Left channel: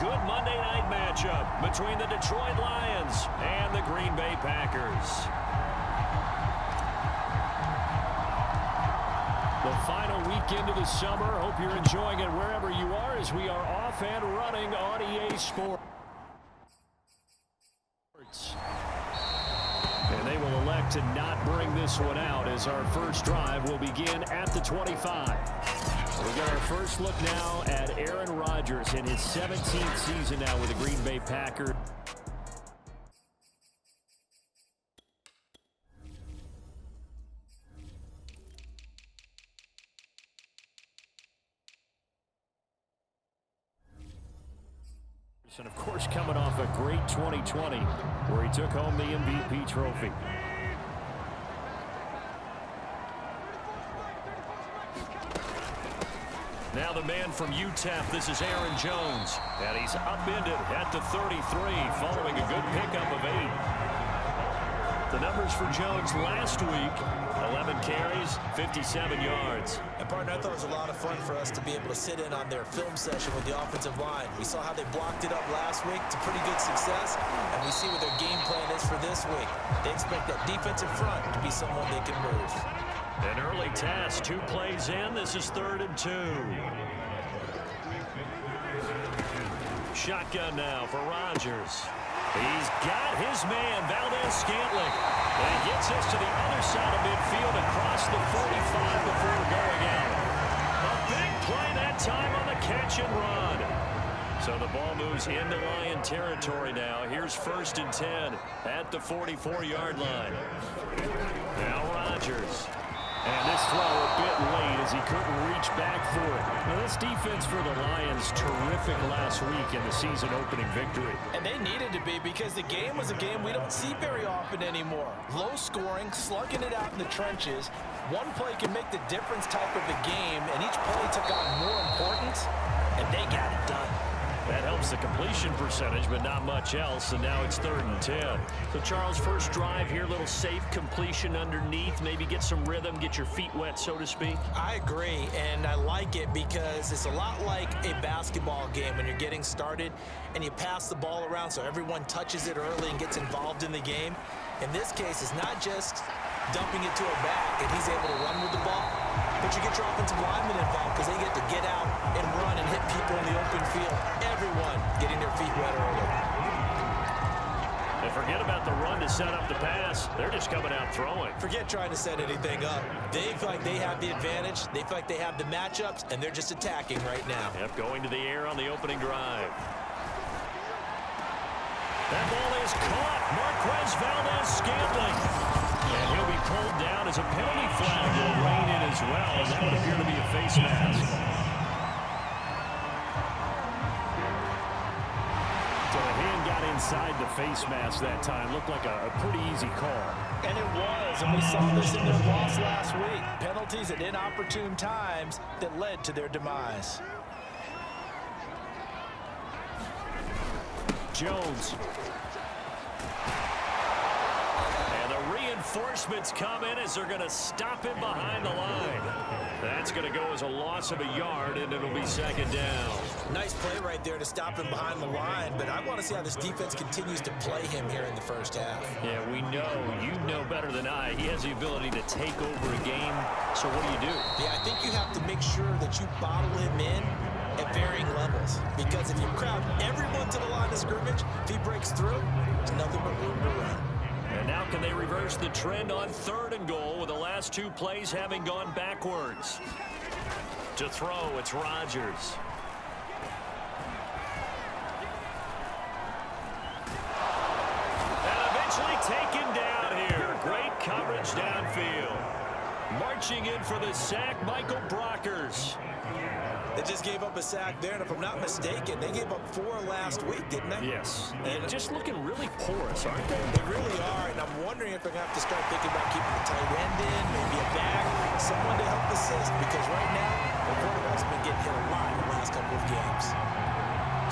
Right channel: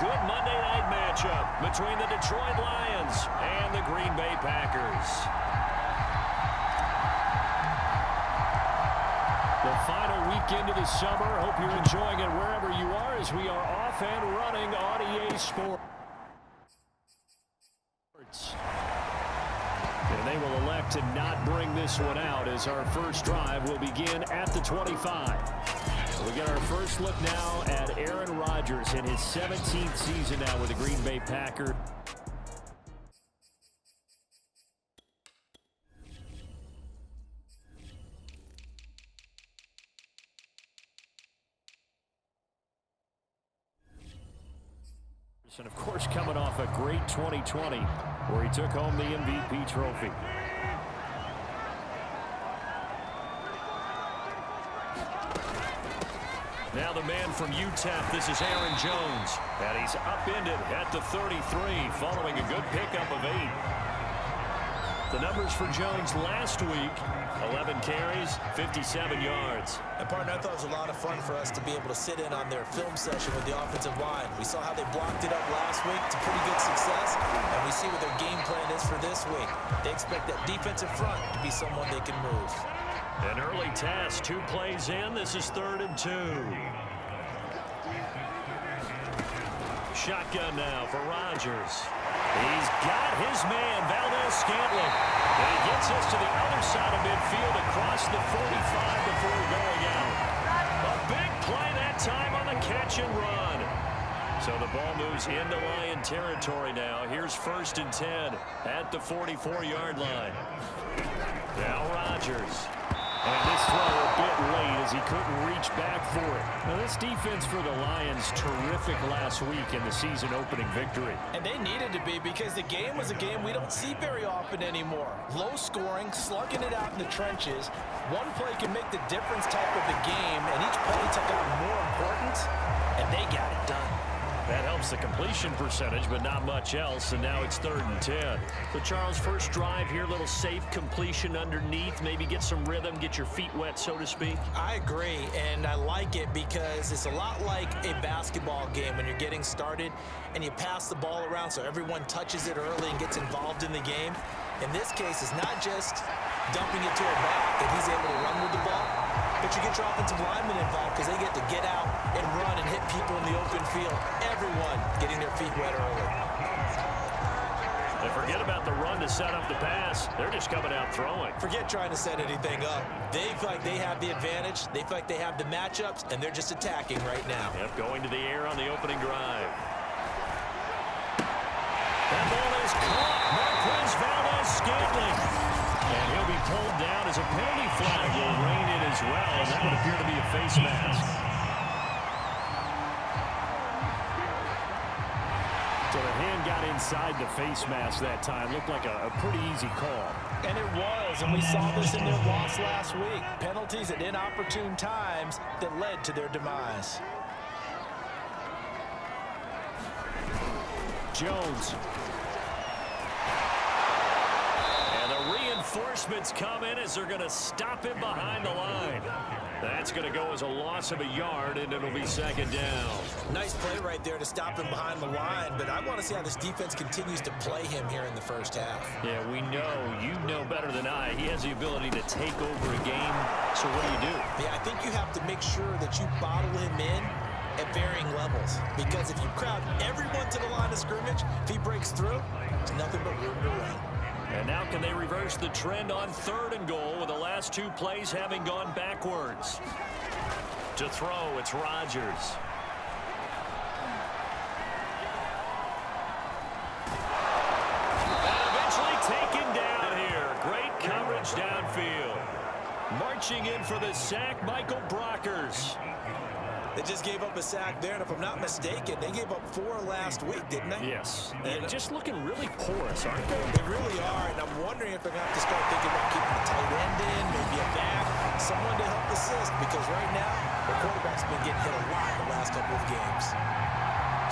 good Monday night matchup between the Detroit Lions and the Green Bay Packers. The final weekend of the summer. Hope you're enjoying it wherever you are as we are off and running on EA Sports. And they will elect to not bring this one out as our first drive will begin at the 25. We got our first look now at Aaron Rodgers in his 17th season now with the Green Bay Packers. And, of course, coming off a great 2020 where he took home the MVP trophy. Now the man from UTEP, this is Aaron Jones. And he's upended at the 33 following a good pickup of 8. The numbers for Jones last week, 11 carries, 57 yards. And, partner, I thought it was a lot of fun for us to be able to sit in on their film session with the offensive line. We saw how they blocked it up last week to pretty good success, and we see what their game plan is for this week. They expect that defensive front to be someone they can move. An early test, 2 plays in. This is 3rd and 2. Shotgun now for Rodgers. He's got his man, Valdez-Scantling. And he gets us to the other side of midfield across the 45 before going out. A big play that time on the catch and run. So the ball moves into Lion territory now. Here's 1st and 10 at the 44-yard line. Now Rodgers. And this throw a bit late as he couldn't reach back for it. Now this defense for the Lions, terrific last week in the season opening victory. And they needed to be because the game was a game we don't see very often anymore. Low scoring, slugging it out in the trenches. One play can make the difference type of the game, and each play took on more importance, and they got it done. That helps the completion percentage, but not much else, and now it's 3rd and 10. So, Charles, first drive here, little safe completion underneath, maybe get some rhythm, get your feet wet, so to speak. I agree, and I like it because it's a lot like a basketball game when you're getting started and you pass the ball around so everyone touches it early and gets involved in the game. In this case, it's not just dumping it to her back and he's able to run with the ball, but you get your offensive linemen involved because they get to get out and run and hit people in the open field. Everyone getting their feet wet early. And forget about the run to set up the pass. They're just coming out throwing. Forget trying to set anything up. They feel like they have the advantage. They feel like they have the matchups, and they're just attacking right now. Yep, going to the air on the opening drive. That ball is caught. Marquez Valdez-Scantling. And he'll be pulled down as a penalty flag will rein in as well, and that would appear to be a face mask. So the hand got inside the face mask that time. Looked like a pretty easy call. And it was, and we saw this in their loss last week. Penalties at inopportune times that led to their demise. Jones. And the reinforcements come in as they're going to stop him behind the line. That's going to go as a loss of a yard, and it'll be 2nd down. Nice play right there to stop him behind the line, but I want to see how this defense continues to play him here in the first half. Yeah, we know. You know better than I. He has the ability to take over a game, so what do? Yeah, I think you have to make sure that you bottle him in at varying levels, because if you crowd everyone to the line of scrimmage, if he breaks through, there's nothing but room to run. And now can they reverse the trend on 3rd and goal with the last 2 plays having gone backwards? To throw, it's Rodgers. And eventually taken down here. Great coverage downfield. Marching in for the sack, Michael Brockers. They just gave up a sack there, and if I'm not mistaken, they gave up 4 last week, didn't they? Yes. And just looking really porous, aren't they? They really are, and I'm wondering if they're going to have to start thinking about keeping the tight end in, maybe a back, someone to help assist, because right now, the quarterback's been getting hit a lot in the last couple of games.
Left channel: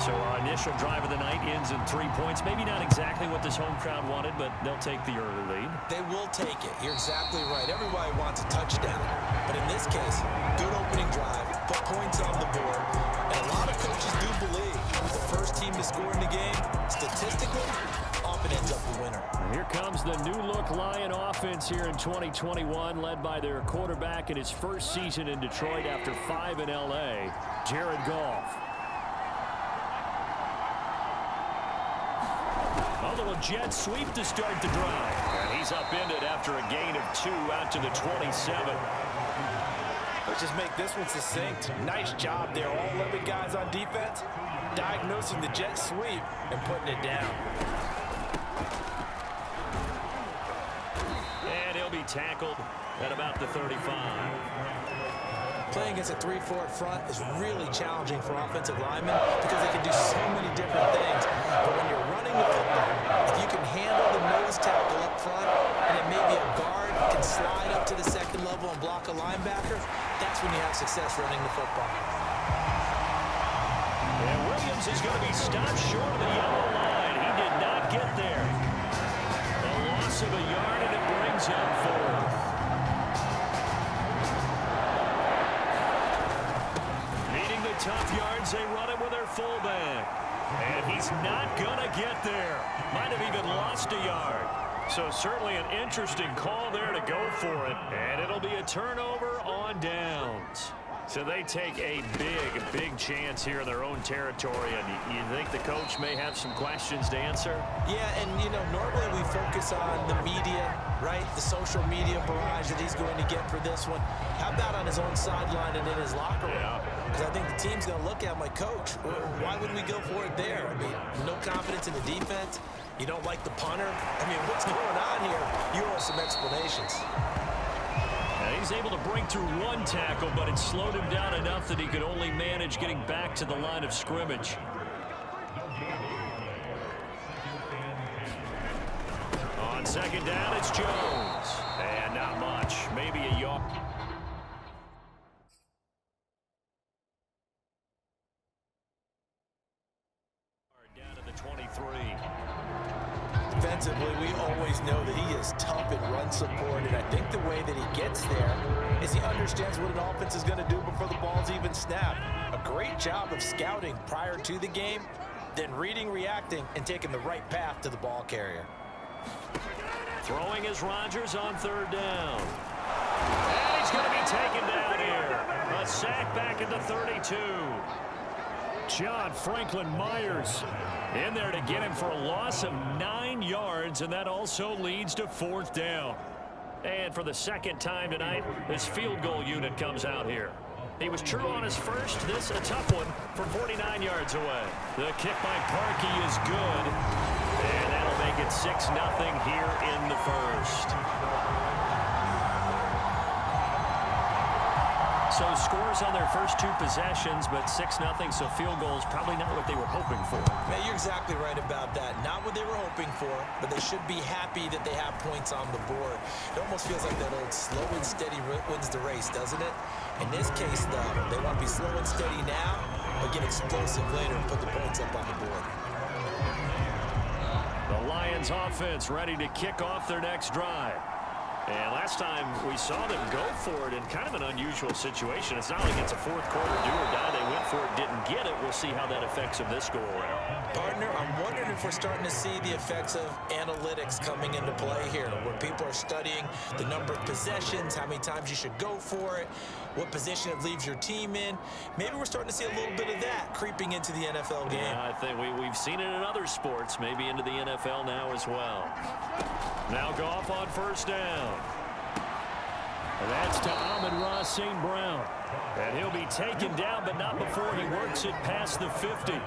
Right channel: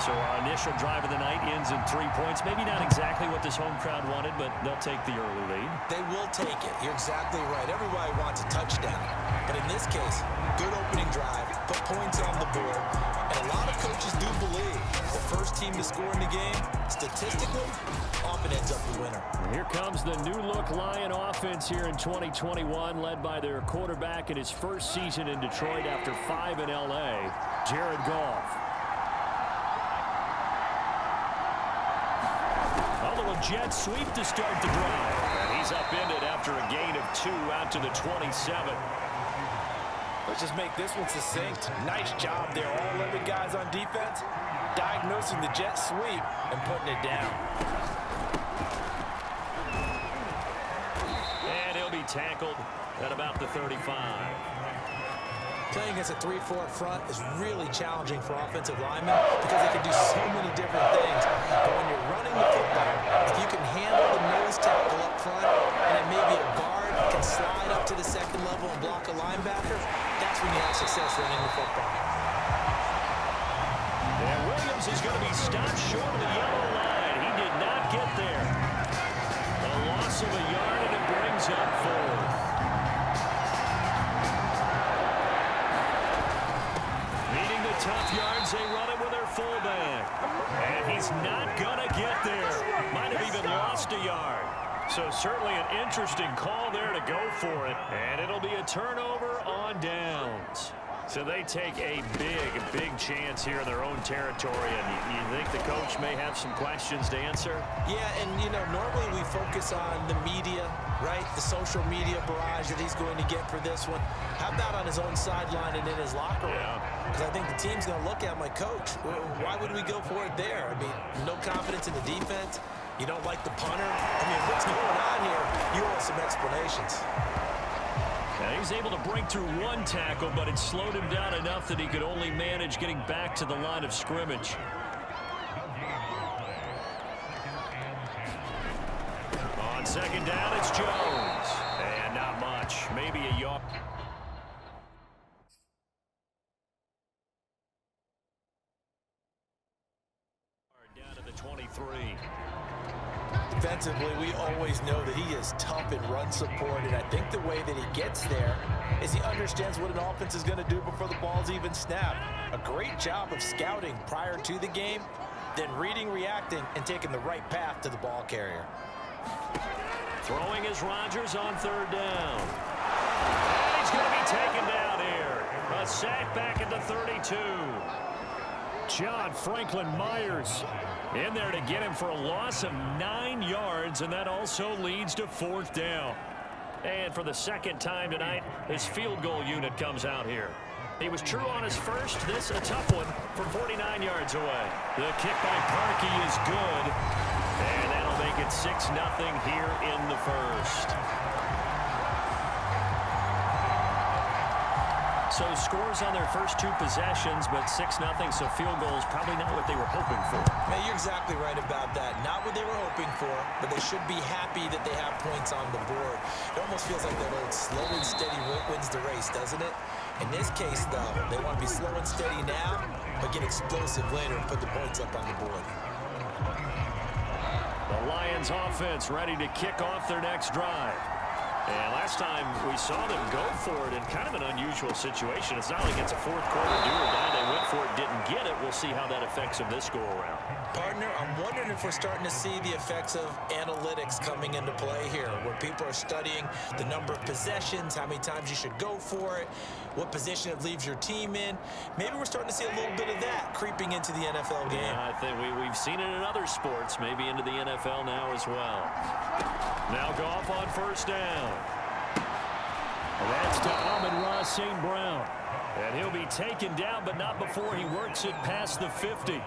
So our initial drive of the night ends in 3 points. Maybe not exactly what this home crowd wanted, but they'll take the early lead. They will take it. You're exactly right. Everybody wants a touchdown. But in this case, good opening drive, put points on the board. And a lot of coaches do believe the first team to score in the game, statistically, often ends up the winner. Here comes the new-look Lion offense here in 2021, led by their quarterback in his first season in Detroit after 5 in L.A., Jared Goff. A little jet sweep to start the drive. And he's upended after a gain of 2 out to the 27. Let's just make this one succinct. Nice job there, all 11 guys on defense, diagnosing the jet sweep and putting it down. And he'll be tackled at about the 35. Playing against a 3-4 front is really challenging for offensive linemen because they can do so many different things. But when you're running the football, if you can handle the nose tackle up front, and it may be a guard can slide up to the second level and block a linebacker, that's when you have success running the football. And Williams is going to be stopped short of the yellow line. He did not get there. A loss of a yard, and it brings up 4th. Needing the tough yards, they run it with their fullback. And he's not going to get there. Might have even lost a yard. So certainly an interesting call there to go for it. And it'll be a turnover on downs. So they take a big chance here in their own territory. And you think the coach may have some questions to answer? Yeah, and, you know, normally we focus on the media, right? The social media barrage that he's going to get for this one. How about on his own sideline and in his locker room? Because I think the team's going to look at him like, Coach, why would we go for it there? I mean, no confidence in the defense. You don't like the punter. I mean, what's going on here? You owe us some explanations. And he's able to break through one tackle, but it slowed him down enough that he could only manage getting back to the line of scrimmage. On second down, it's Jones. And not much. Maybe a yard. Down to the 23. Defensively, we always know that he is tough in run support, and I think the way that he gets there is he understands what an offense is going to do before the ball's even snapped. A great job of scouting prior to the game, then reading, reacting, and taking the right path to the ball carrier. Throwing is Rodgers on 3rd down. And he's going to be taken down here. A sack back at the 32. John Franklin Myers in there to get him for a loss of 9 yards, and that also leads to 4th down. And for the second time tonight, his field goal unit comes out here. He was true on his first. This a tough one from 49 yards away. The kick by Parkey is good, and that'll make it 6-0 here in the first. So scores on their first 2 possessions, but 6-0, so field goals probably not what they were hoping for. Man, you're exactly right about that. Not what they were hoping for, but they should be happy that they have points on the board. It almost feels like that old slow and steady wins the race, doesn't it? In this case, though, they want to be slow and steady now, but get explosive later and put the points up on the board. The Lions offense ready to kick off their next drive. And last time we saw them go for it in kind of an unusual situation. It's not like it's a 4th quarter do or die. They went for it, didn't get it. We'll see how that affects them this go-around. Partner, I'm wondering if we're starting to see the effects of analytics coming into play here, where people are studying the number of possessions, how many times you should go for it, what position it leaves your team in. Maybe we're starting to see a little bit of that creeping into the NFL game. Yeah, I think we've seen it in other sports, maybe into the NFL now as well. Now Goff on 1st down. And that's to Amon-Ra St. Brown. And he'll be taken down, but not before he works it past the 50.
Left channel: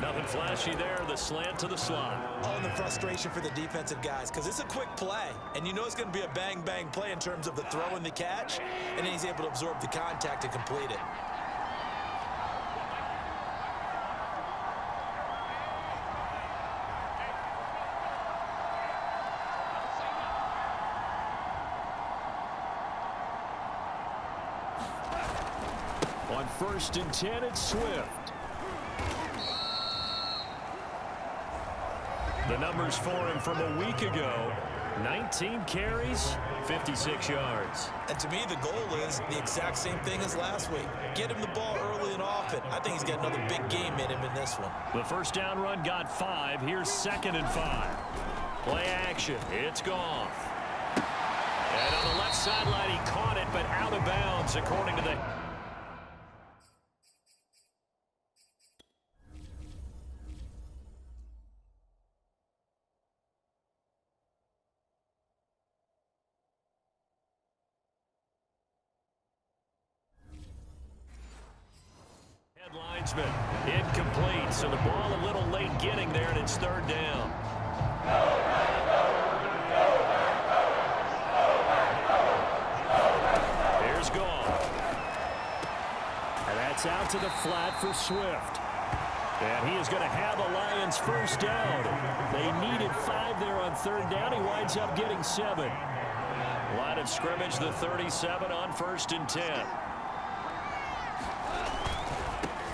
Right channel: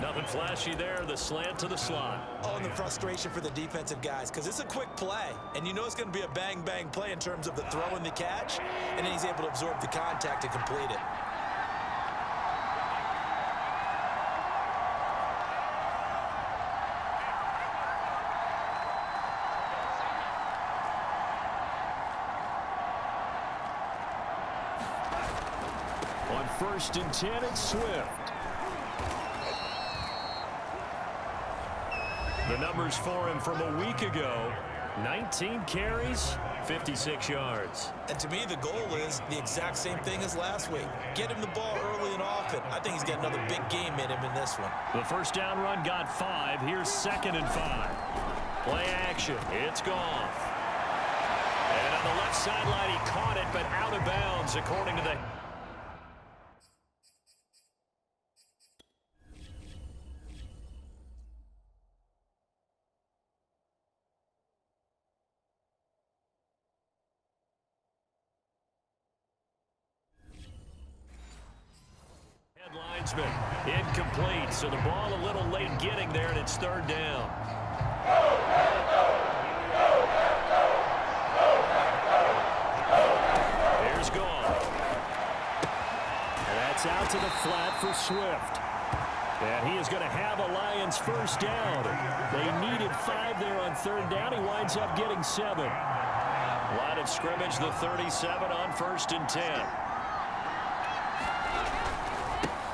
Nothing flashy there, the slant to the slot. Oh, and the frustration for the defensive guys, because it's a quick play, and you know it's going to be a bang-bang play in terms of the throw and the catch, and then he's able to absorb the contact and complete it. On 1st and 10, it's Swift. The numbers for him from a week ago: 19 carries, 56 yards. And to me, the goal is the exact same thing as last week. Get him the ball early and often. I think he's got another big game in him in this one. The first down run got 5. Here's 2nd and 5. Play action. It's Goff. And on the left sideline, he caught it, but out of bounds, according to the... Linesman. Incomplete, so the ball a little late getting there, and it's 3rd down. Here's Goff. And that's out to the flat for Swift. And he is going to have a Lions first down. They needed 5 there on 3rd down. He winds up getting 7. Line of scrimmage, the 37 on 1st and 10.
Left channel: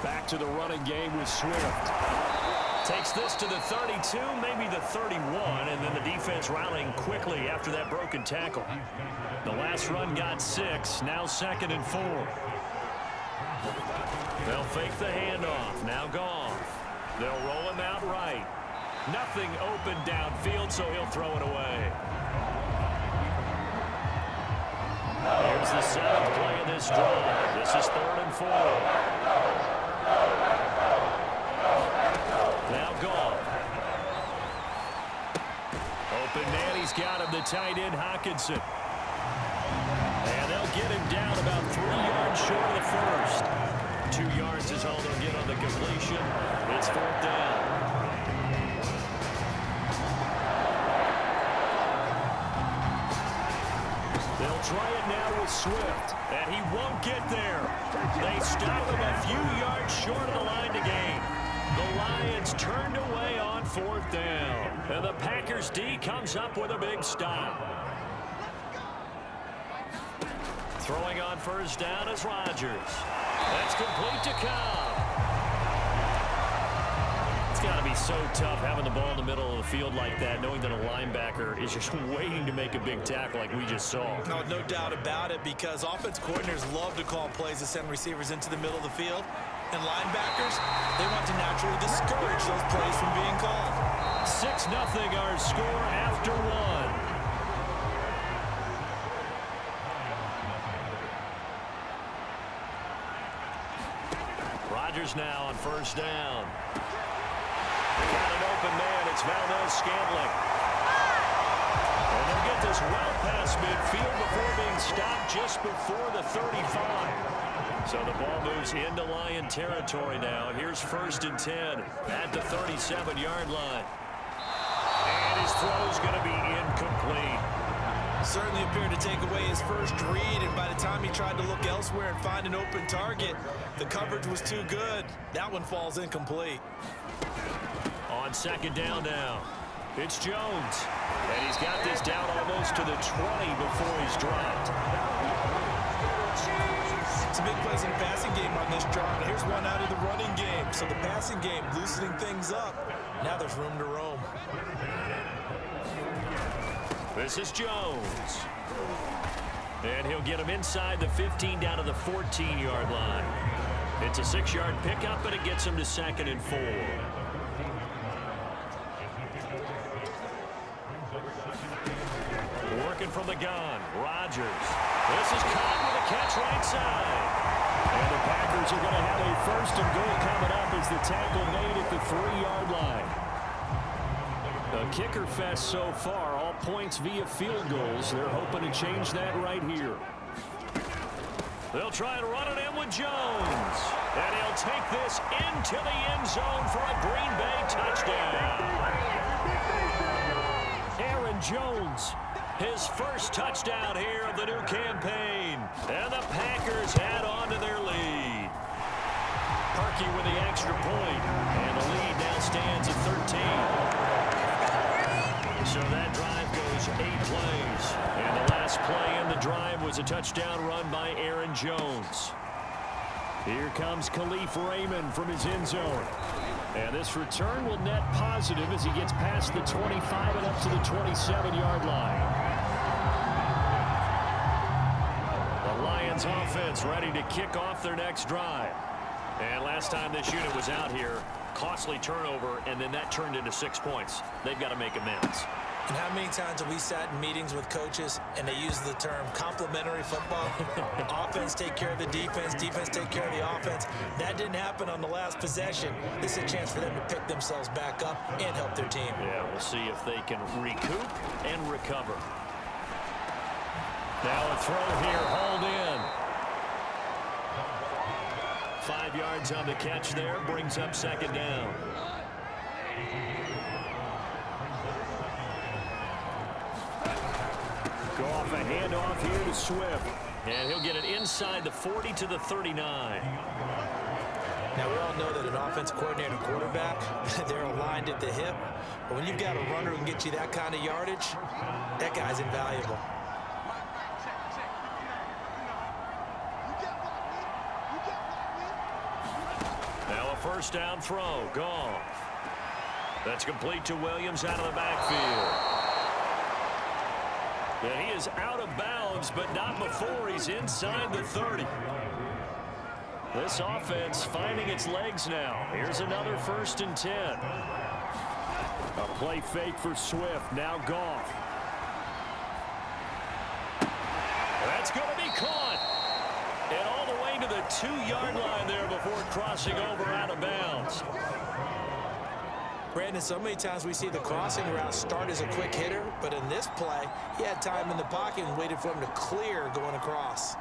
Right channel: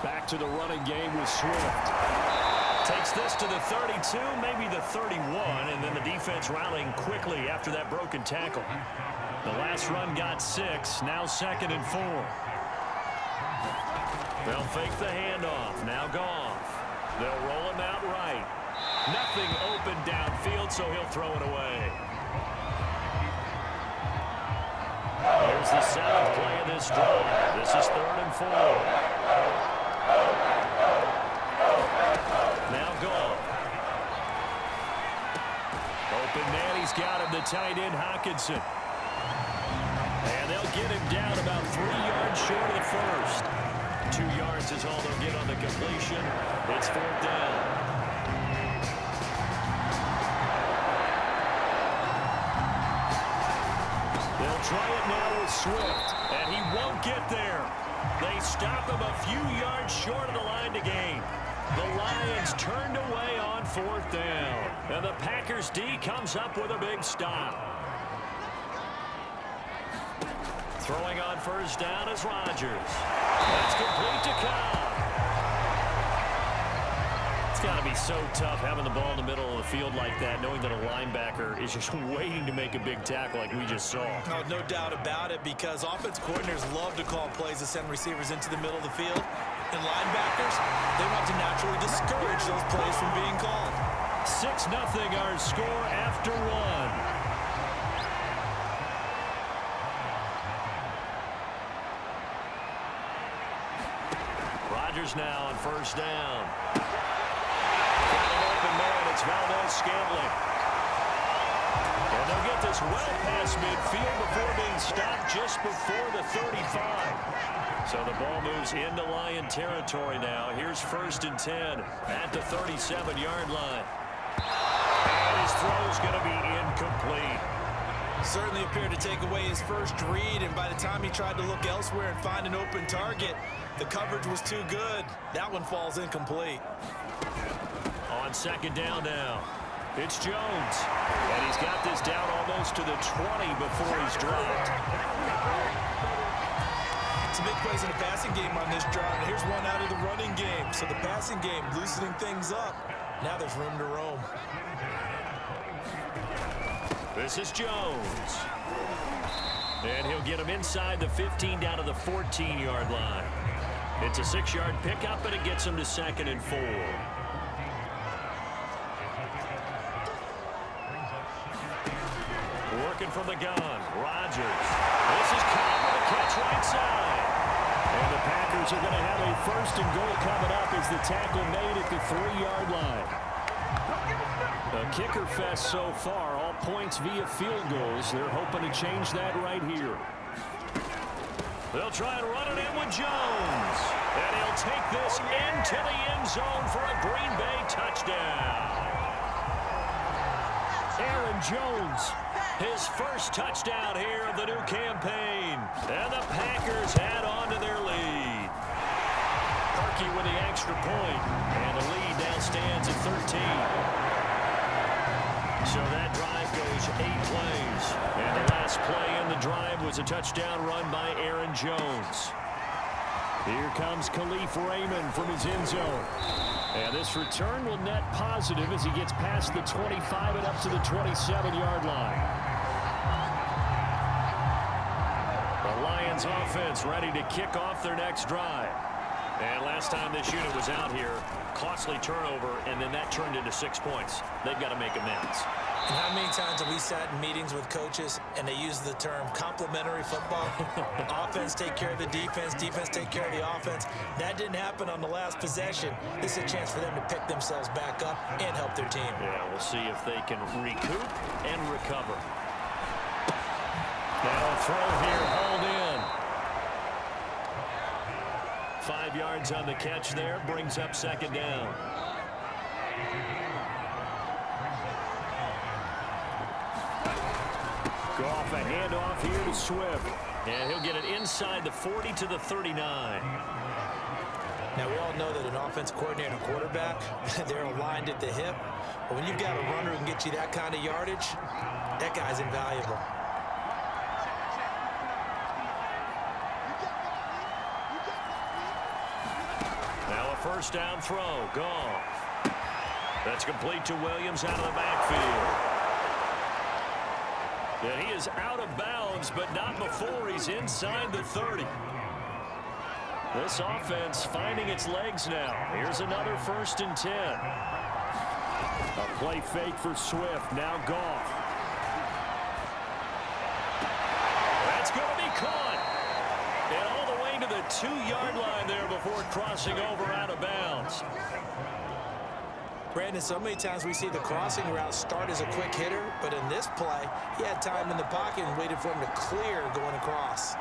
Back to the running game with Swift. Takes this to the 32, maybe the 31, and then the defense rallying quickly after that broken tackle. The last run got 6, now 2nd and 4. They'll fake the handoff, now Goff. They'll roll him out right. Nothing open downfield, so he'll throw it away. Here's the 7th play of this drive. This is 3rd and 4. Now Goff. Open man, he's got him, the tight end, Hockenson. And they'll get him down about 3 yards short of the first. 2 yards is all they'll get on the completion. It's 4th down. They'll try it now with Swift, and he won't get there. They stop him a few yards short of the line to gain. The Lions turned away on 4th down. And the Packers D comes up with a big stop. Throwing on first down is Rodgers. That's complete to Cobb. It's got to be so tough having the ball in the middle of the field like that, knowing that a linebacker is just waiting to make a big tackle like we just saw. No doubt about it, because offense coordinators love to call plays to send receivers into the middle of the field. And linebackers, they want to naturally discourage those plays from being called. 6-0 our score after 1. Rodgers now on first down. Got an open man. It's Valdez-Scantling. And they'll get this well past midfield before being stopped just before the 35. So the ball moves into Lion territory now. Here's 1st and 10 at the 37-yard line. And his throw's going to be incomplete. Certainly appeared to take away his first read, and by the time he tried to look elsewhere and find an open target, the coverage was too good. That one falls incomplete. On 2nd down now, it's Jones. And he's got this down almost to the 20 before he's dropped. Some big plays in the passing game on this drive, and here's one out of the running game. So the passing game loosening things up. Now there's room to roam. This is Jones. And he'll get him inside the 15 down to the 14-yard line. It's a 6-yard pickup, but it gets him to 2nd and 4. Working from the gun, Rodgers. This is Cobb with a catch right side. And the Packers are going to have a 1st and goal coming up as the tackle made at the 3-yard line. A kicker fest so far, all points via field goals. They're hoping to change that right here. They'll try and run it in with Jones. And he'll take this into the end zone for a Green Bay touchdown. Aaron Jones, his first touchdown here of the new campaign. And the Packers add on to their lead. Parkey with the extra point. And the lead now stands at 13. So that drive goes 8 plays. And the last play in the drive was a touchdown run by Aaron Jones. Here comes Khalif Raymond from his end zone. And this return will net positive as he gets past the 25 and up to the 27-yard line. The Lions offense ready to kick off their next drive. And last time this unit was out here, costly turnover, and then that turned into 6 points. They've got to make amends. And how many times have we sat in meetings with coaches and they use the term complementary football? Offense take care of the defense, defense take care of the offense. That didn't happen on the last possession. This is a chance for them to pick themselves back up and help their team. Yeah, we'll see if they can recoup and recover. Now a throw here, hauled in. 5 yards on the catch there, brings up second down. Goff, a handoff here to Swift. And he'll get it inside the 40 to the 39. Now, we all know that an offense coordinator and quarterback, they're aligned at the hip. But when you've got a runner who can get you that kind of yardage, that guy's invaluable. Now a first down throw. Goff. That's complete to Williams out of the backfield. And he is out of bounds, but not before he's inside the 30. This offense finding its legs now. Here's another 1st and 10. A play fake for Swift. Now Goff. That's going to be caught. And all the way to the 2-yard line there before crossing over out of bounds. Brandon, so many times we see the crossing route start as a quick hitter, but in this play, he had time in the pocket and waited for him to clear going across.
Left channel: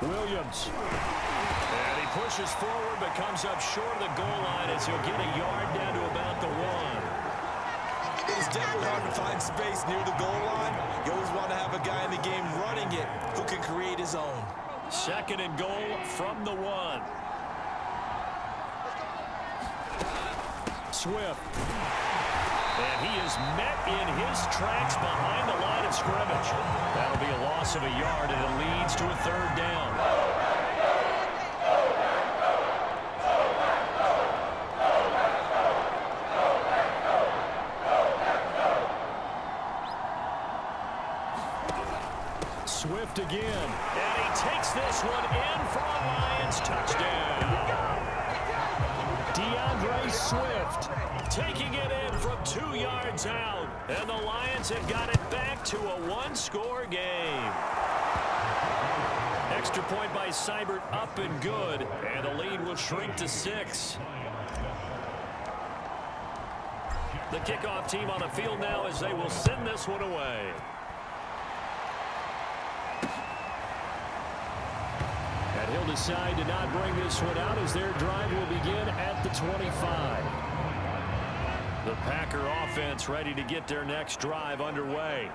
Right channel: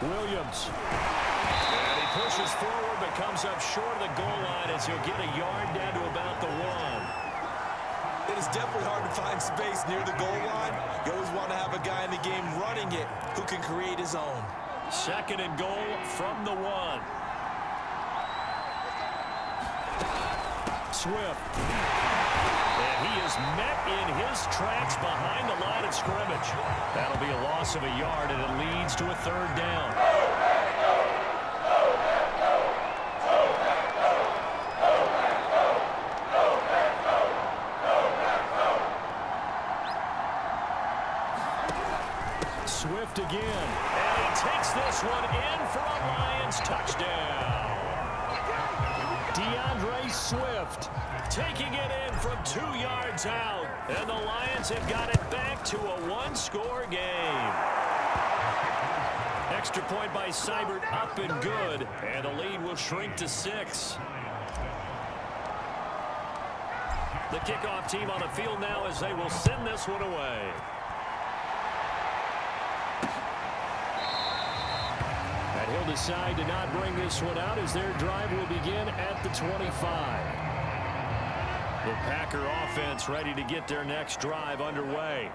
Williams. And he pushes forward but comes up short of the goal line as he'll get a yard down to about the 1. It is definitely hard to find space near the goal line. You always want to have a guy in the game running it who can create his own. 2nd and goal from the 1. Swift. And he is met in his tracks behind the line of scrimmage. That'll be a loss of a yard, and it leads to a 3rd down. Swift again. And he takes this one in for a Lions touchdown. DeAndre Swift taking it in from 2 yards out. And the Lions have got it back to a 1-score game. Extra point by Seibert up and good. And the lead will shrink to 6. The kickoff team on the field now as they will send this one away. And he'll decide to not bring this one out as their drive will begin at the 25. The Packer offense ready to get their next drive underway.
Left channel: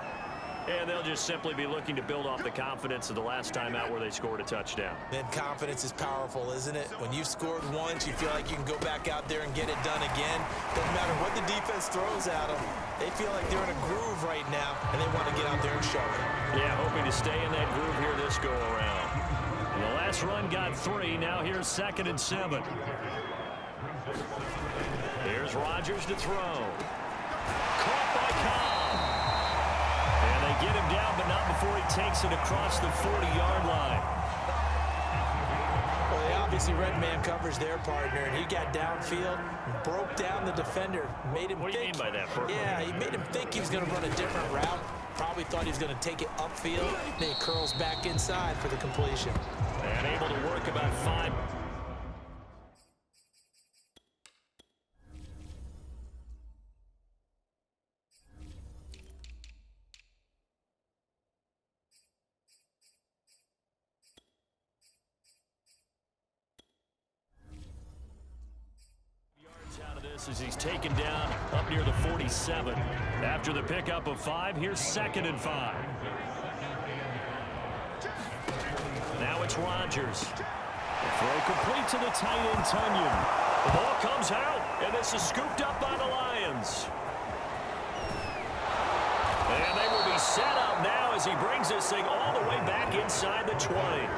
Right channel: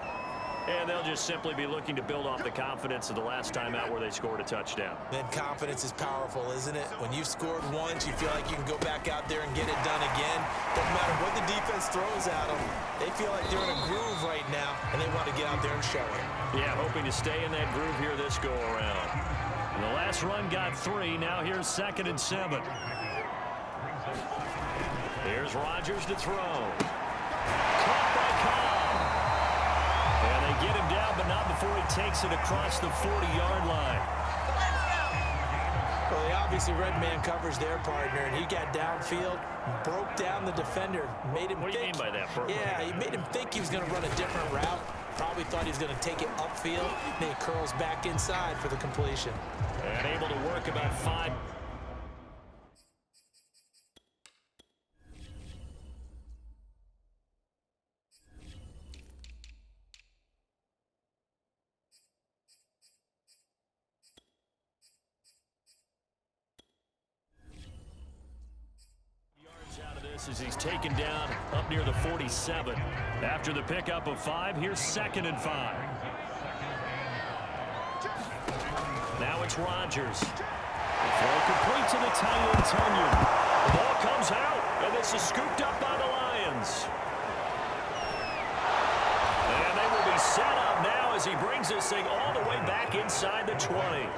And they'll just simply be looking to build off the confidence of the last time out where they scored a touchdown. Then confidence is powerful, isn't it? When you've scored once, you feel like you can go back out there and get it done again. Doesn't matter what the defense throws at them. They feel like they're in a groove right now, and they want to get out there and show it. Yeah, hoping to stay in that groove here this go-around. The last run got 3. Now here's 2nd and 7. Here's Rodgers to throw. Caught by Cobb. And they get him down, but not before he takes it across the 40-yard line. Well, they obviously read man coverage their partner, and he got downfield, broke down the defender, made him What do you mean by that, Purple? Yeah, he made him think he was going to run a different route. Probably thought he was going to take it upfield, and then he curls back inside for the completion. And able to work about 5. Yards out of this as he's taken down up near the 47. After the pickup of 5, here's 2nd and 5. Now it's Rodgers. The throw complete to the tight end, Tunyon. The ball comes out, and this is scooped up by the Lions. And they will be set up now as he brings this thing all the way back inside the 20.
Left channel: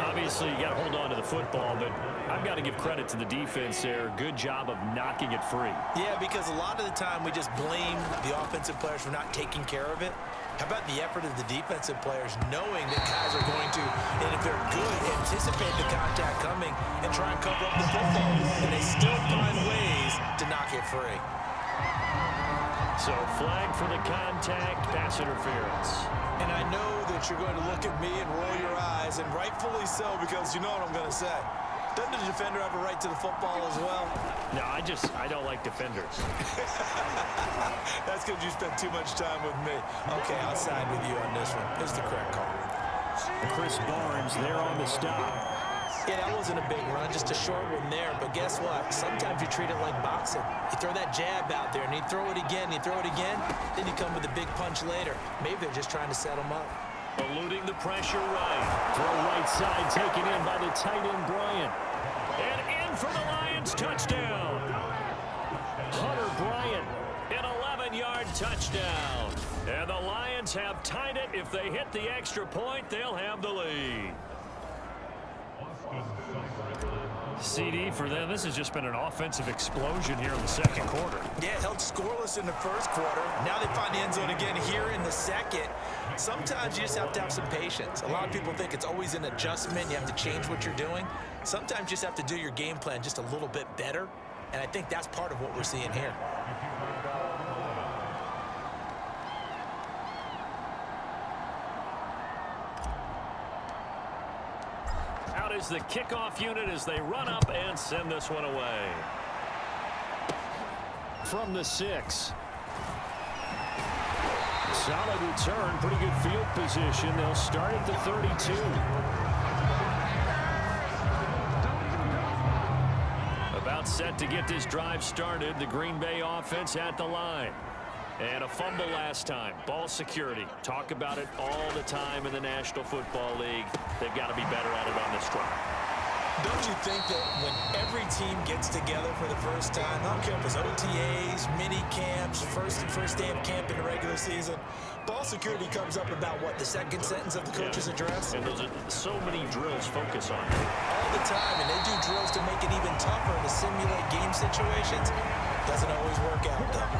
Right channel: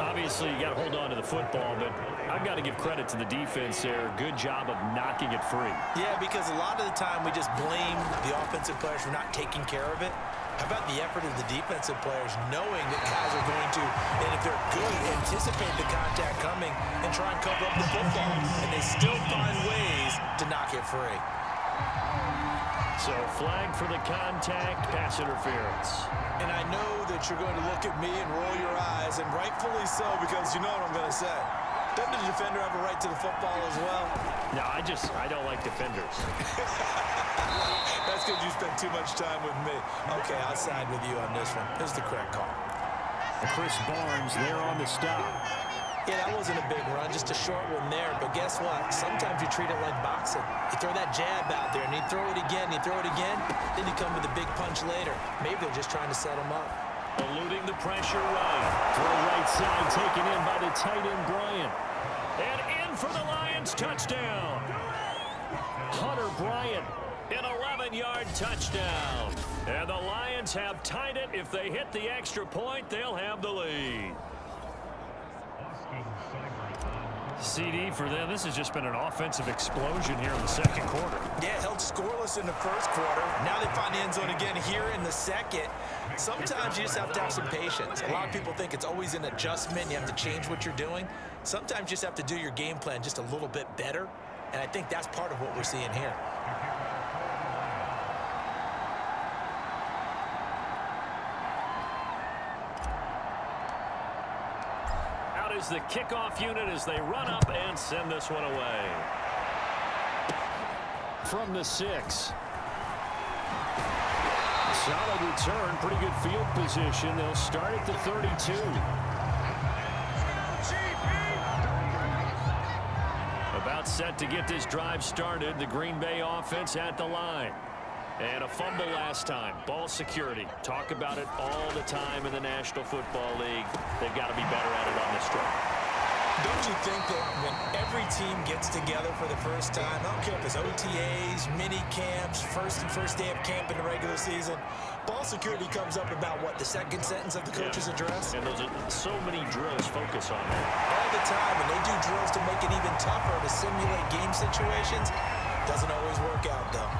Obviously, you got to hold on to the football, but I've got to give credit to the defense there. Good job of knocking it free. Yeah, because a lot of the time we just blame the offensive players for not taking care of it. How about the effort of the defensive players knowing that guys are going to, and if they're good, anticipate the contact coming and try and cover up the football. And they still find ways to knock it free. So flag for the contact, pass interference. And I know that you're going to look at me and roll your eyes, and rightfully so, because you know what I'm going to say. Doesn't the defender have a right to the football as well? No, I don't like defenders. That's because you spent too much time with me. Okay, I'll side with you on this one. Here's the correct call. Chris Barnes there on the stop. Yeah, that wasn't a big run, just a short one there. But guess what? Sometimes you treat it like boxing. You throw that jab out there, and you throw it again, you throw it again, then you come with a big punch later. Maybe they're just trying to set them up. Eluding the pressure right. Throw right side taken in by the tight end, Bryant. And in for the Lions, touchdown. Hunter Bryant, an 11-yard touchdown. And the Lions have tied it. If they hit the extra point, they'll have the lead. CD for them. This has just been an offensive explosion here in the second quarter. Yeah, held scoreless in the first quarter. Now they find the end zone again here in the second. Sometimes you just have to have some patience. A lot of people think it's always an adjustment. You have to change what you're doing. Sometimes you just have to do your game plan just a little bit better. And I think that's part of what we're seeing here. Out is the kickoff unit as they run up and send this one away. From the 6. Solid return, pretty good field position. They'll start at the 32. About set to get this drive started. The Green Bay offense at the line. And a fumble last time. Ball security. Talk about it all the time in the National Football League. They've got to be better at it on this drive. Don't you think that when every team gets together for the first time, I don't care if it's OTAs, mini camps, first day of camp in the regular season, ball security comes up about what, the second sentence of the coach's address? And those are so many drills focus on that. All the time, and they do drills to make it even tougher to simulate game situations. Doesn't always work out, though.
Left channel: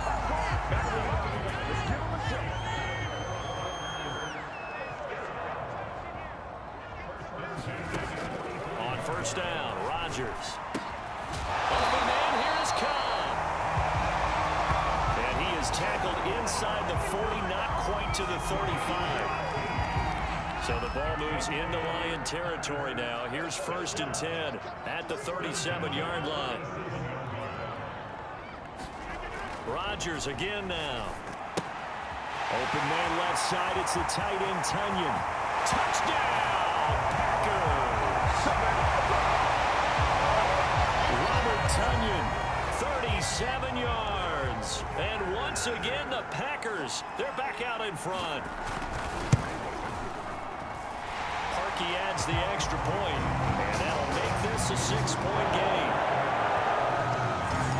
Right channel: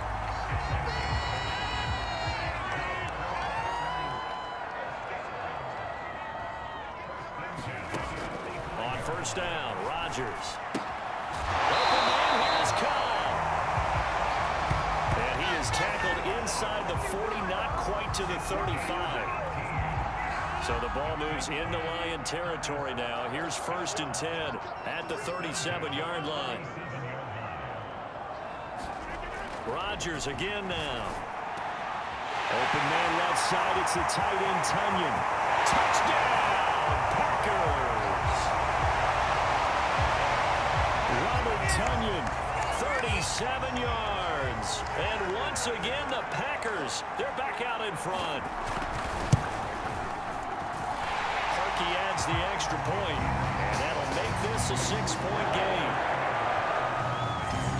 On first down, Rodgers. Open man, here is Cobb. And he is tackled inside the 40, not quite to the 35. So the ball moves into Lion territory now. Here's 1st and 10 at the 37-yard line. Rodgers again now. Open man left side. It's the tight end, Tunyon. Touchdown, Packers. Robert Tunyon, 37 yards. And once again, the Packers, they're back out in front. Parkey adds the extra point, and that'll make this a 6-point game.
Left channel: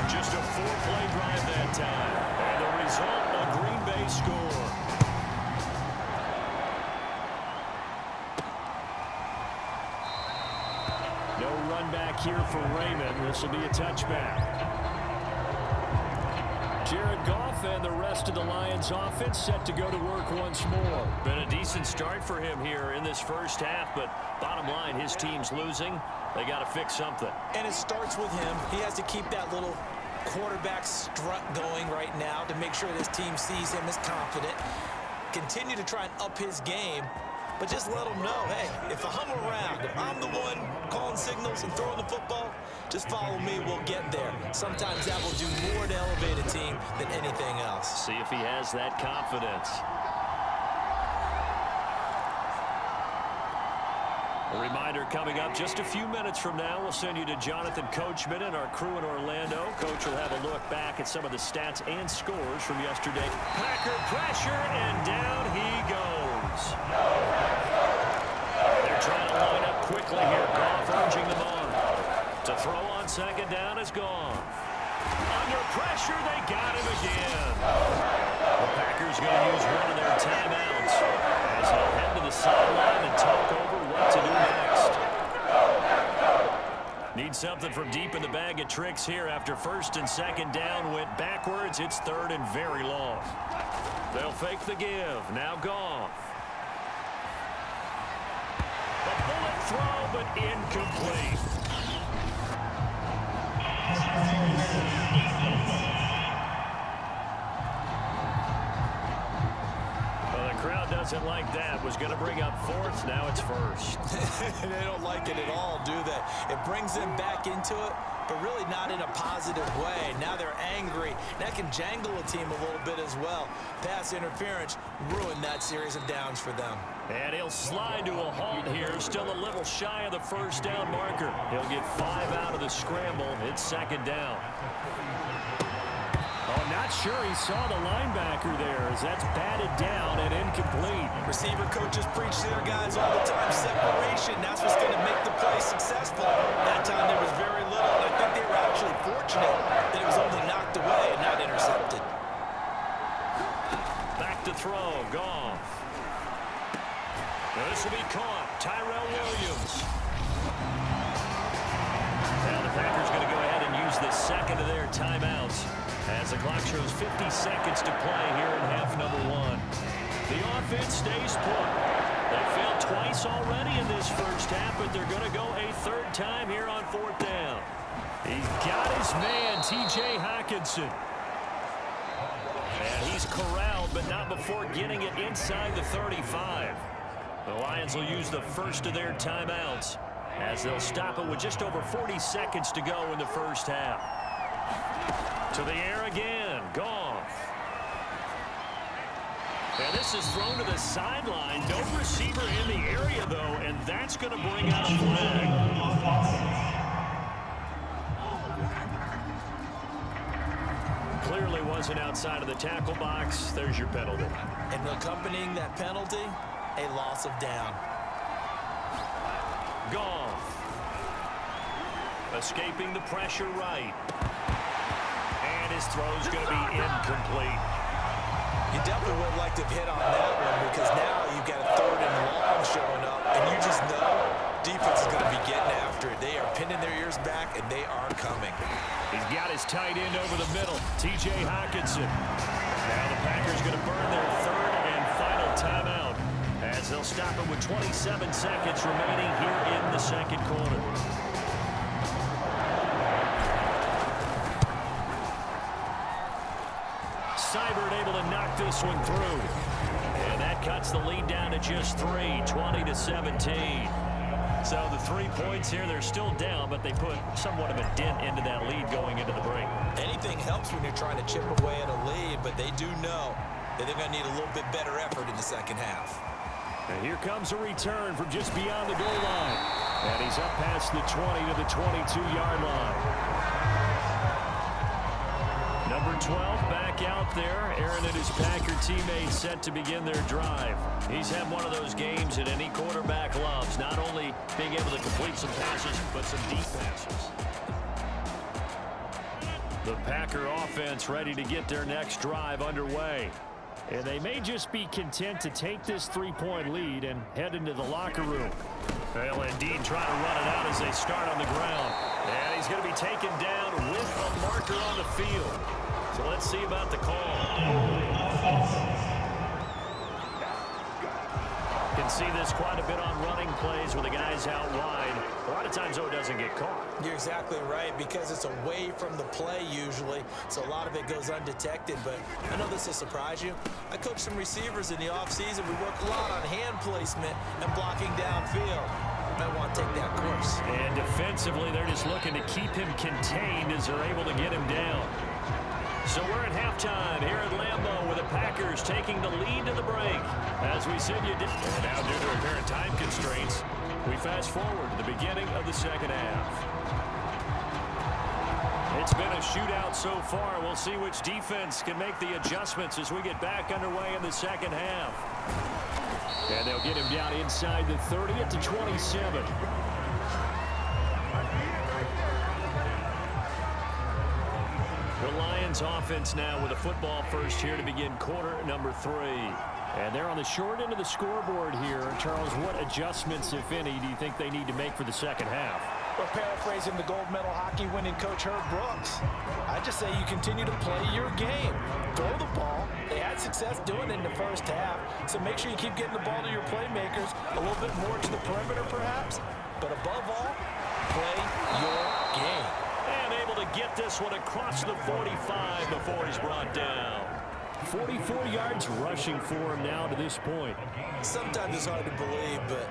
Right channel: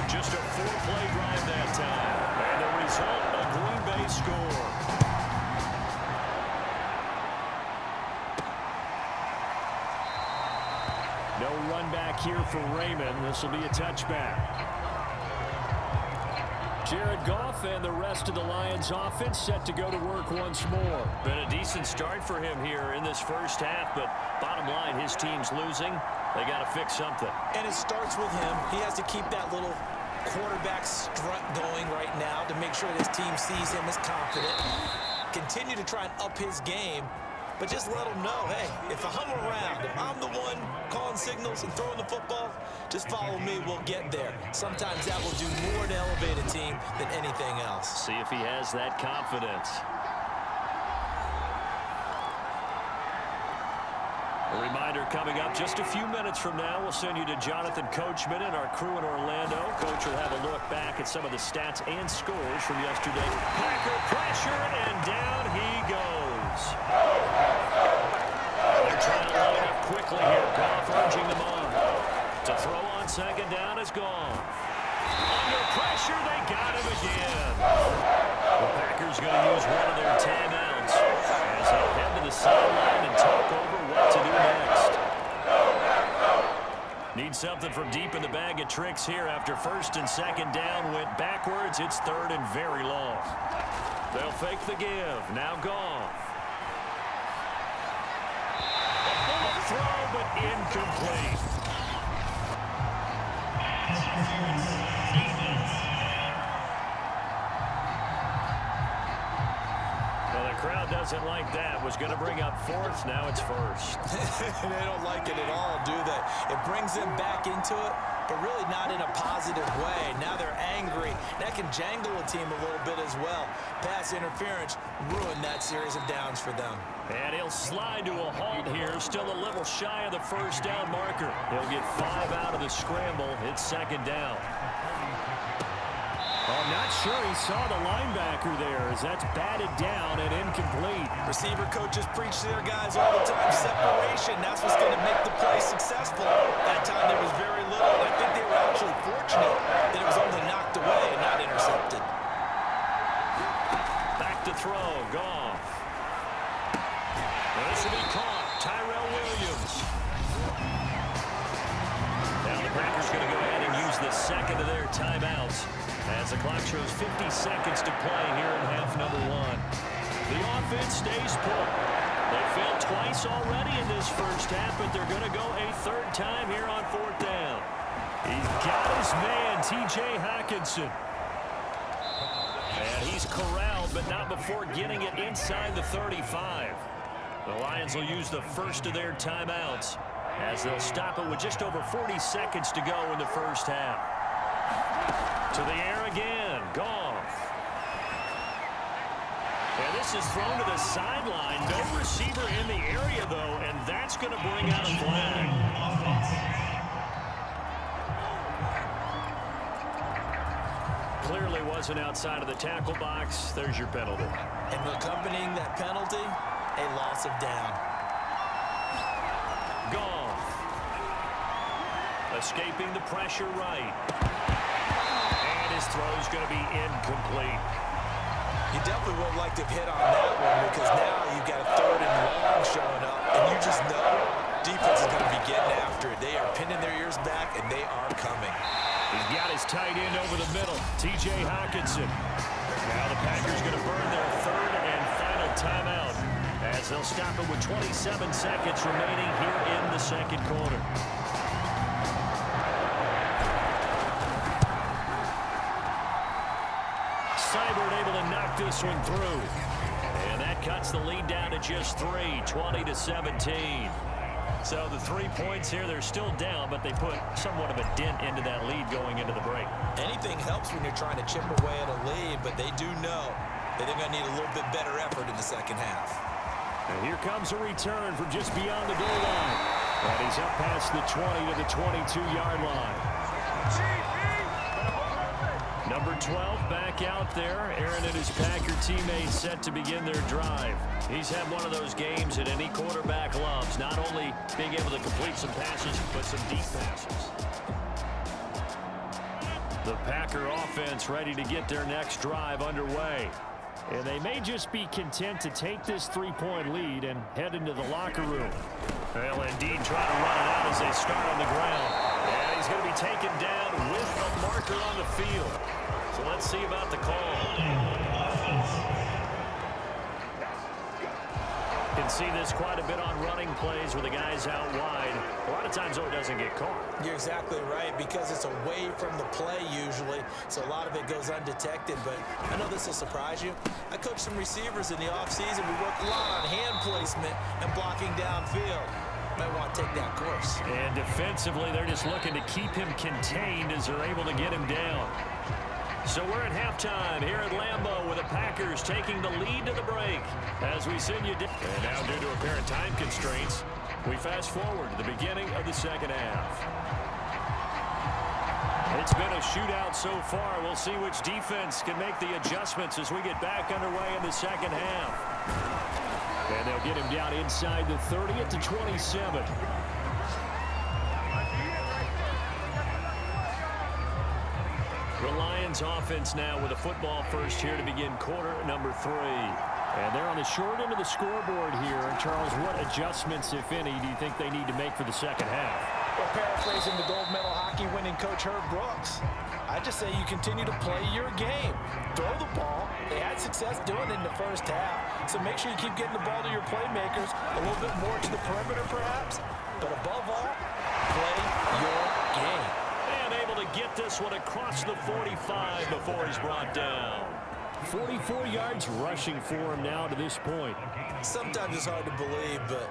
Just a 4-play drive that time. And the result, a Green Bay score. No run back here for Raymond. This will be a touchback. Jared Goff and the rest of the Lions offense set to go to work once more. Been a decent start for him here in this first half, but bottom line, his team's losing. They got to fix something. And it starts with him. He has to keep that little quarterback strut going right now to make sure this team sees him as confident. Continue to try and up his game, but just let him know, hey, if I'm around, if I'm the one calling signals and throwing the football, just follow me, we'll get there. Sometimes that will do more to elevate a team than anything else. See if he has that confidence. A reminder coming up just a few minutes from now, we'll send you to Jonathan Coachman and our crew in Orlando. Coach will have a look back at some of the stats and scores from yesterday. Packer pressure, and down he goes. They're trying to line up quickly here. Goff urging them on. To throw on second down is gone. Under pressure, they got him again. The Packers going to use one of their timeouts as they'll head to the sideline and talk over what to do next. Need something from deep in the bag of tricks here after first and second down went backwards. It's third and very long. They'll fake the give. Now Goff. A bullet throw, but incomplete. Well, the crowd doesn't like that. Was going to bring up fourth. Now it's first. They don't like it at all, do they? It brings them back into it, but really not in a positive way. Now they're angry. That can jangle a team a little bit as well. Pass interference ruined that series of downs for them. And he'll slide to a halt here. Still a little shy of the first down marker. He'll get 5 out of the scramble. It's second down. Oh, not sure he saw the linebacker there as that's batted down and incomplete. Receiver coaches preach to their guys all the time. Separation, that's what's going to make the play successful. That time there was very little, and I think they were actually fortunate that it was only knocked away and not intercepted. Back to throw, Goff. Now this will be caught. Tyrell Williams. Now the Packers going to go ahead and use the second of their timeouts as the clock shows 50 seconds to play here in half number one. The offense stays put. They failed twice already in this first half, but they're going to go a third time here on fourth down. He's got his man, T.J. Hockenson. And he's corralled, but not before getting it inside the 35. The Lions will use the first of their timeouts as they'll stop it with just over 40 seconds to go in the first half. To the air again, Goff. And this is thrown to the sideline. No receiver in the area, though, and that's going to bring out a flag. Clearly wasn't outside of the tackle box. There's your penalty. And accompanying that penalty, a loss of down. Goff. Escaping the pressure right. And his throw's going to be incomplete. You definitely would like to have hit on that one because now you've got a third and long showing up, and you just know defense is going to be getting after it. They are pinning their ears back, and they are coming. He's got his tight end over the middle, T.J. Hockenson. Now the Packers going to burn their third and final timeout as they'll stop it with 27 seconds remaining here in the second quarter. Seibert able to knock this one through. And that cuts the lead down to just 3, 20-17. So the 3 points here, they're still down, but they put somewhat of a dent into that lead going into the break. Anything helps when you're trying to chip away at a lead, but they do know that they're going to need a little bit better effort in the second half. And here comes a return from just beyond the goal line. And he's up past the 20 to the 22-yard line. Number 12 back out there. Aaron and his Packer teammates set to begin their drive. He's had one of those games that any quarterback loves, not only being able to complete some passes, but some deep passes. The Packer offense ready to get their next drive underway. And they may just be content to take this 3-point lead and head into the locker room. They'll indeed try to run it out as they start on the ground. And he's going to be taken down with a marker on the field. So let's see about the call. You can see this quite a bit on running plays where the guy's out wide. A lot of times, though, it doesn't get caught. You're exactly right, because it's away from the play usually, so a lot of it goes undetected. But I know this will surprise you. I coach some receivers in the offseason. We work a lot on hand placement and blocking downfield. Might want to take that course. And defensively, they're just looking to keep him contained as they're able to get him down. So we're at halftime here at Lambeau with the Packers taking the lead to the break. As we send you... And now, due to apparent time constraints, we fast forward to the beginning of the second half. It's been a shootout so far. We'll see which defense can make the adjustments as we get back underway in the second half. And they'll get him down inside the 30 at the 27. The Lions Lions offense now with a football first here to begin quarter number 3. And they're on the short end of the scoreboard here. Charles, what adjustments, if any, do you think they need to make for the second half? Well, paraphrasing the gold medal hockey winning coach Herb Brooks, I just say you continue to play your game. Throw the ball. They had success doing it in the first half, so make sure you keep getting the ball to your playmakers, a little bit more to the perimeter perhaps, but above all, play your game. And able to get this one across the 45 before he's brought down. 44 yards rushing for him now to this point. Sometimes it's hard to believe, but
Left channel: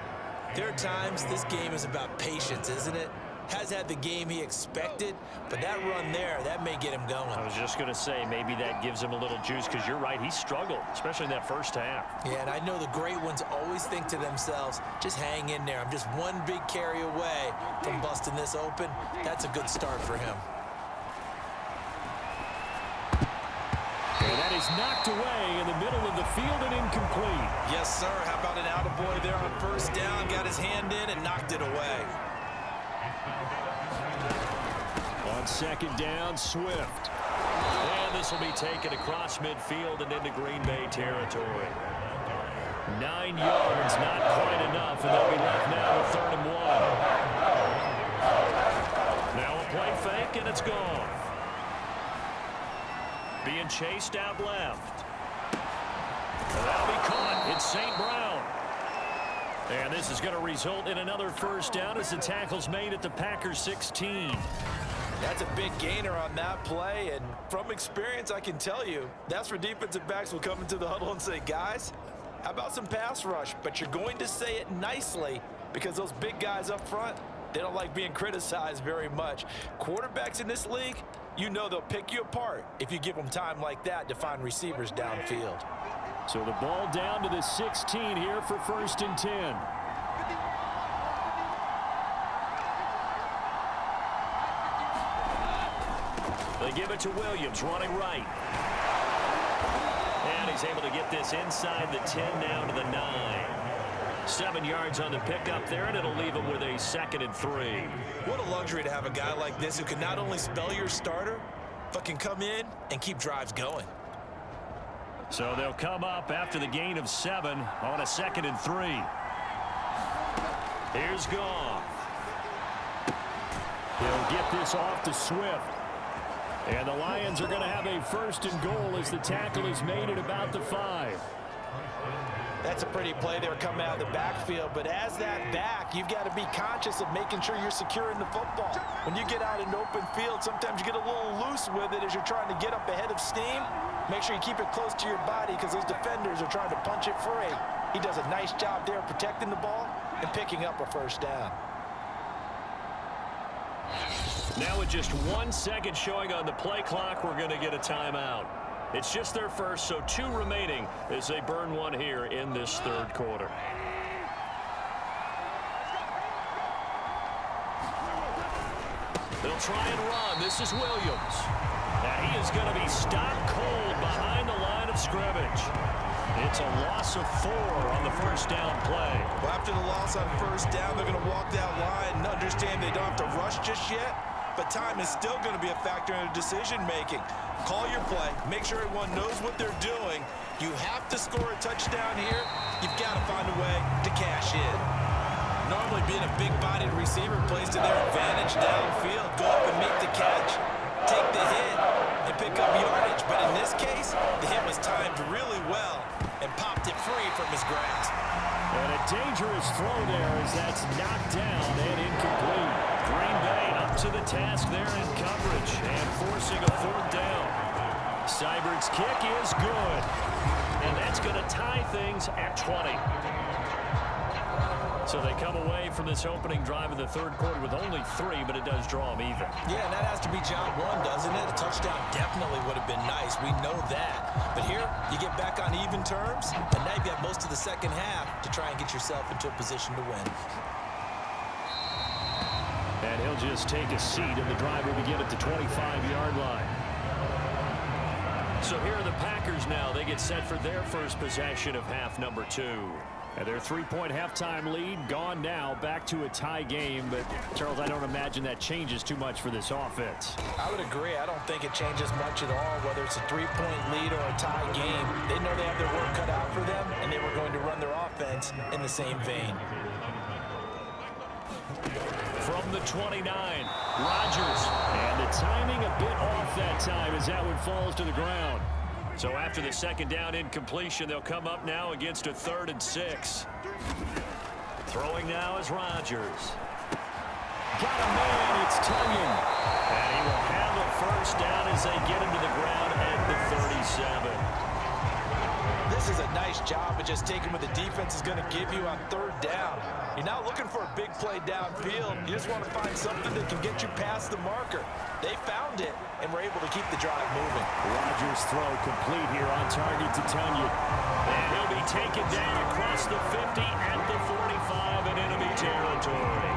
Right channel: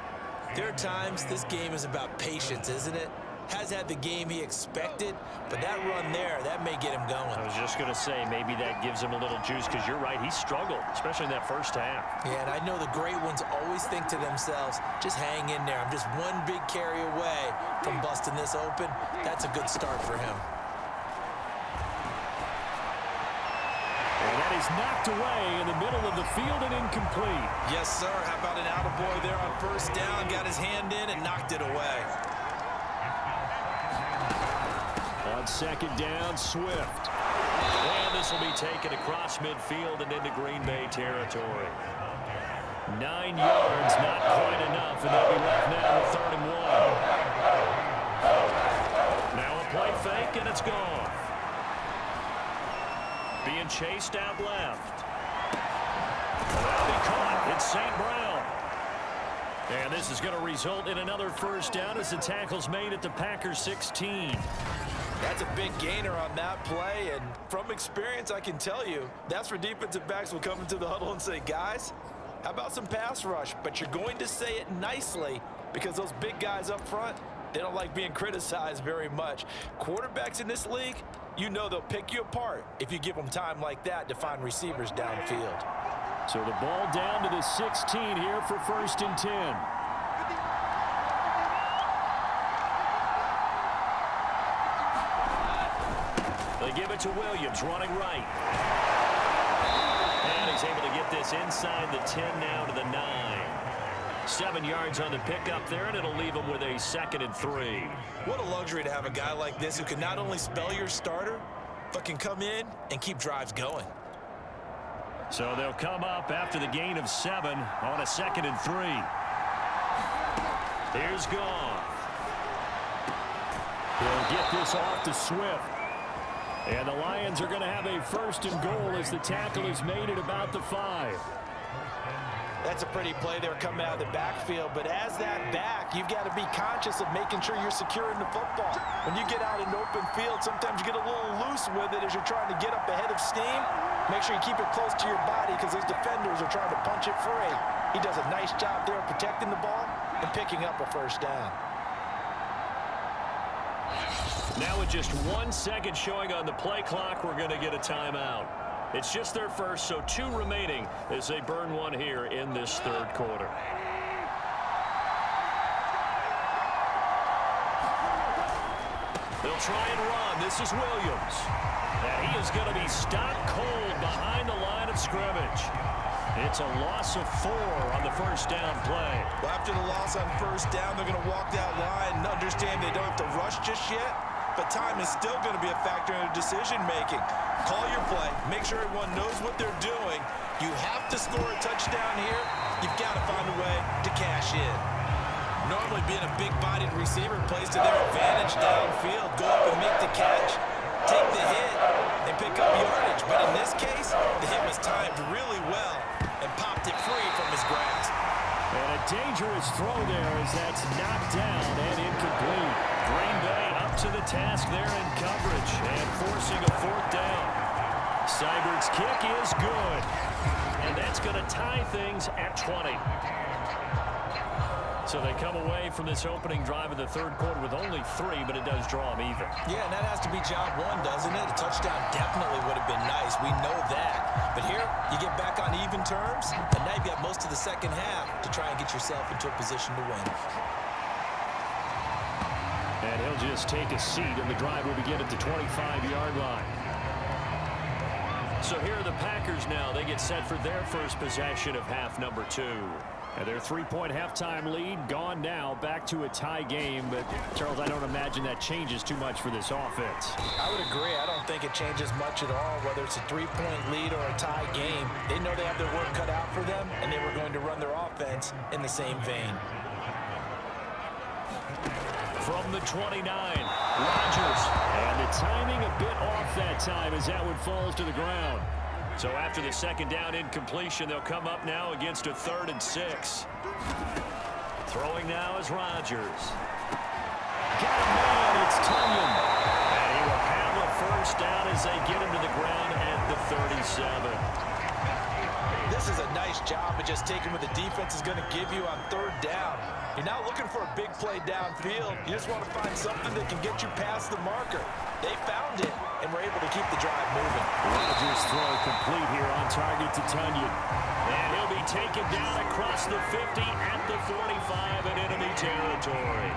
there are times this game is about patience, isn't it? Has had the game he expected, but that run there, that may get him going. I was just going to say, maybe that gives him a little juice, because you're right, he struggled, especially in that first half. Yeah, and I know the great ones always think to themselves, just hang in there. I'm just one big carry away from busting this open. That's a good start for him. And that is knocked away in the middle of the field and incomplete. Yes, sir. How about an attaboy there on first down? Got his hand in and knocked it away. On second down, Swift. And this will be taken across midfield and into Green Bay territory. 9 yards, not quite enough, and they'll be left now with 3rd and 1. Now a play fake, and it's gone. Being chased out left. And that'll be caught. It's St. Brown. And this is going to result in another first down as the tackle's made at the Packers 16. That's a big gainer on that play, and from experience, I can tell you, that's where defensive backs will come into the huddle and say, guys, how about some pass rush? But you're going to say it nicely because those big guys up front, they don't like being criticized very much. Quarterbacks in this league, you know they'll pick you apart if you give them time like that to find receivers downfield. So the ball down to the 16 here for 1st and 10. They give it to Williams, running right. And he's able to get this inside the 10 now to the 9. 7 yards on the pickup there, and it'll leave him with a 2nd and 3. What a luxury to have a guy like this who can not only spell your starter, but can come in and keep drives going. So they'll come up after the gain of 7 on a 2nd and 3. Here's Goff. He'll get this off to Swift. And the Lions are going to have a 1st and goal as the tackle is made at about the 5. That's a pretty play there coming out of the backfield, but as that back, you've got to be conscious of making sure you're securing the football. When you get out in open field, sometimes you get a little loose with it as you're trying to get up ahead of steam. Make sure you keep it close to your body because those defenders are trying to punch it free. He does a nice job there protecting the ball and picking up a 1st down. Now with just 1 second showing on the play clock, we're going to get a timeout. It's just their first, so 2 remaining as they burn one here in this 3rd quarter. They'll try and run. This is Williams. And he is going to be stopped cold behind the line of scrimmage. It's a loss of 4 on the 1st down play. Well, after the loss on 1st down, they're going to walk that line and understand they don't have to rush just yet. But time is still going to be a factor in their decision-making. Call your play. Make sure everyone knows what they're doing. You have to score a touchdown here. You've got to find a way to cash in. Normally, being a big-bodied receiver plays to their advantage downfield. Go up and make the catch, take the hit, and pick up yardage. But in this case, the hit was timed really well and popped it free from his grasp. And a dangerous throw there as that's knocked down and incomplete. Green Bay up to the task there in coverage and forcing a 4th down. Seibert's kick is good. And that's going to tie things at 20. So they come away from this opening drive of the 3rd quarter with only 3, but it does draw them even. Yeah, and that has to be job 1, doesn't it? A touchdown definitely would have been nice. We know that. But here, you get back on even terms, and now you've got most of the second half to try and get yourself into a position to win. And he'll just take a seat, and the drive will begin at the 25-yard line. So here are the Packers now. They get set for their first possession of half number 2. And their three-point halftime lead gone now, back to a tie game. But, Charles, I don't imagine that changes too much for this offense. I would agree. I don't think it changes much at all, whether it's a three-point lead or a tie game. They know they have their work cut out for them, and they were going to run their offense in the same vein. From the 29, Rodgers. And the timing a bit off that time as that one falls to the ground. So after the second down incompletion, they'll come up now against a 3rd and 6. Throwing now is Rodgers. Got a man, it's Tunyon. And he will have a first down as they get him to the ground at the 37. This is a nice job of just taking what the defense is going to give you on 3rd down. You're not looking for a big play downfield. You just want to find something that can get you past the marker. They found it and were able to keep the drive moving. Rodgers' throw complete here on target to Tunyon. And he'll be taken down across the 50 at the 45 in enemy territory.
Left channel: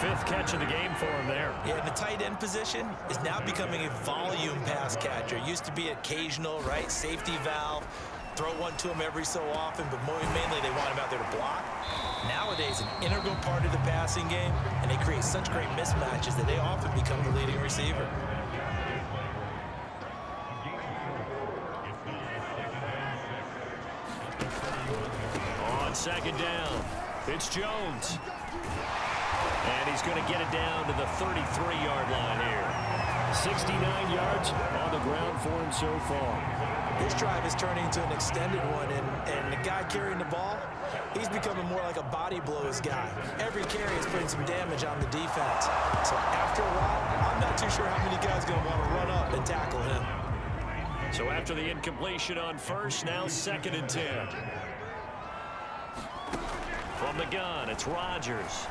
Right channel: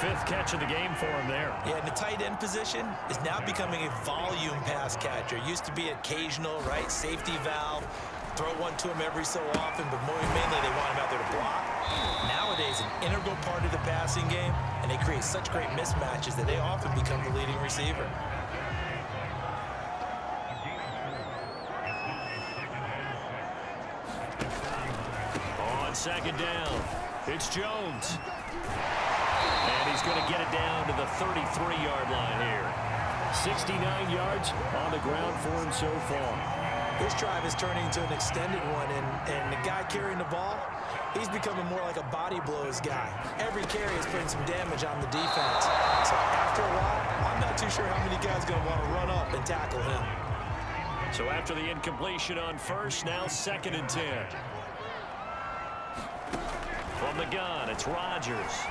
5th catch of the game for him there. Yeah, and the tight end position is now becoming a volume pass catcher. Used to be occasional, right? Safety valve. Throw one to him every so often, but mainly they want him out there to block. Nowadays, an integral part of the passing game, and they create such great mismatches that they often become the leading receiver. On 2nd down, it's Jones. And he's going to get it down to the 33-yard line here. 69 yards on the ground for him so far. This drive is turning into an extended one, and the guy carrying the ball, he's becoming more like a body blows guy. Every carry is putting some damage on the defense. So after a while, I'm not too sure how many guys are going to want to run up and tackle him. So after the incompletion on 1st, now 2nd and 10. From the gun, it's Rodgers.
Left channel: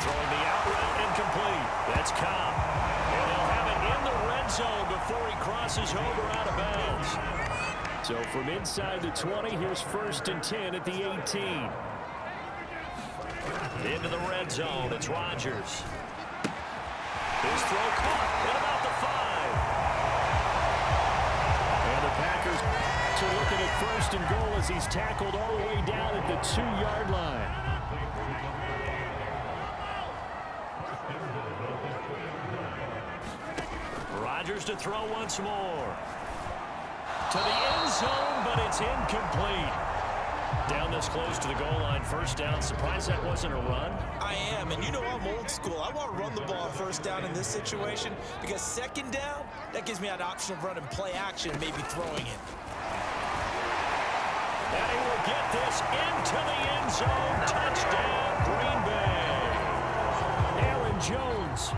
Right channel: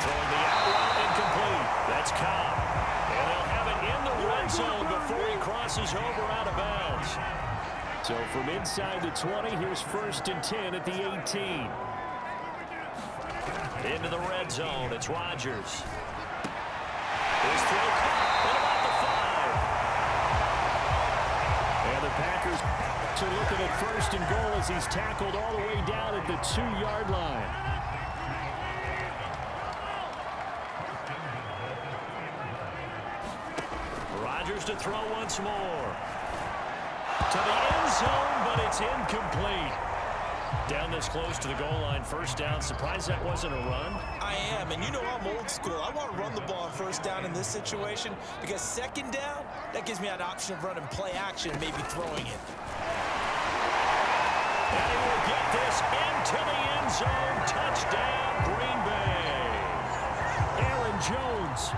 Throwing the out route incomplete. That's Cobb. And they'll have it in the red zone before he crosses over out of bounds. So from inside the 20, here's 1st and 10 at the 18. Into the red zone, it's Rodgers. His throw caught at about the 5. And the Packers are looking at 1st and goal as he's tackled all the way down at the 2-yard line. Rodgers to throw once more. To the end zone, but it's incomplete. Down this close to the goal line, 1st down. Surprised that wasn't a run? I am, and you know I'm old school. I want to run the ball on 1st down in this situation because 2nd down, that gives me an option of running play action and maybe throwing it. And he will get this into the end zone. Touchdown, Green Bay. Aaron Jones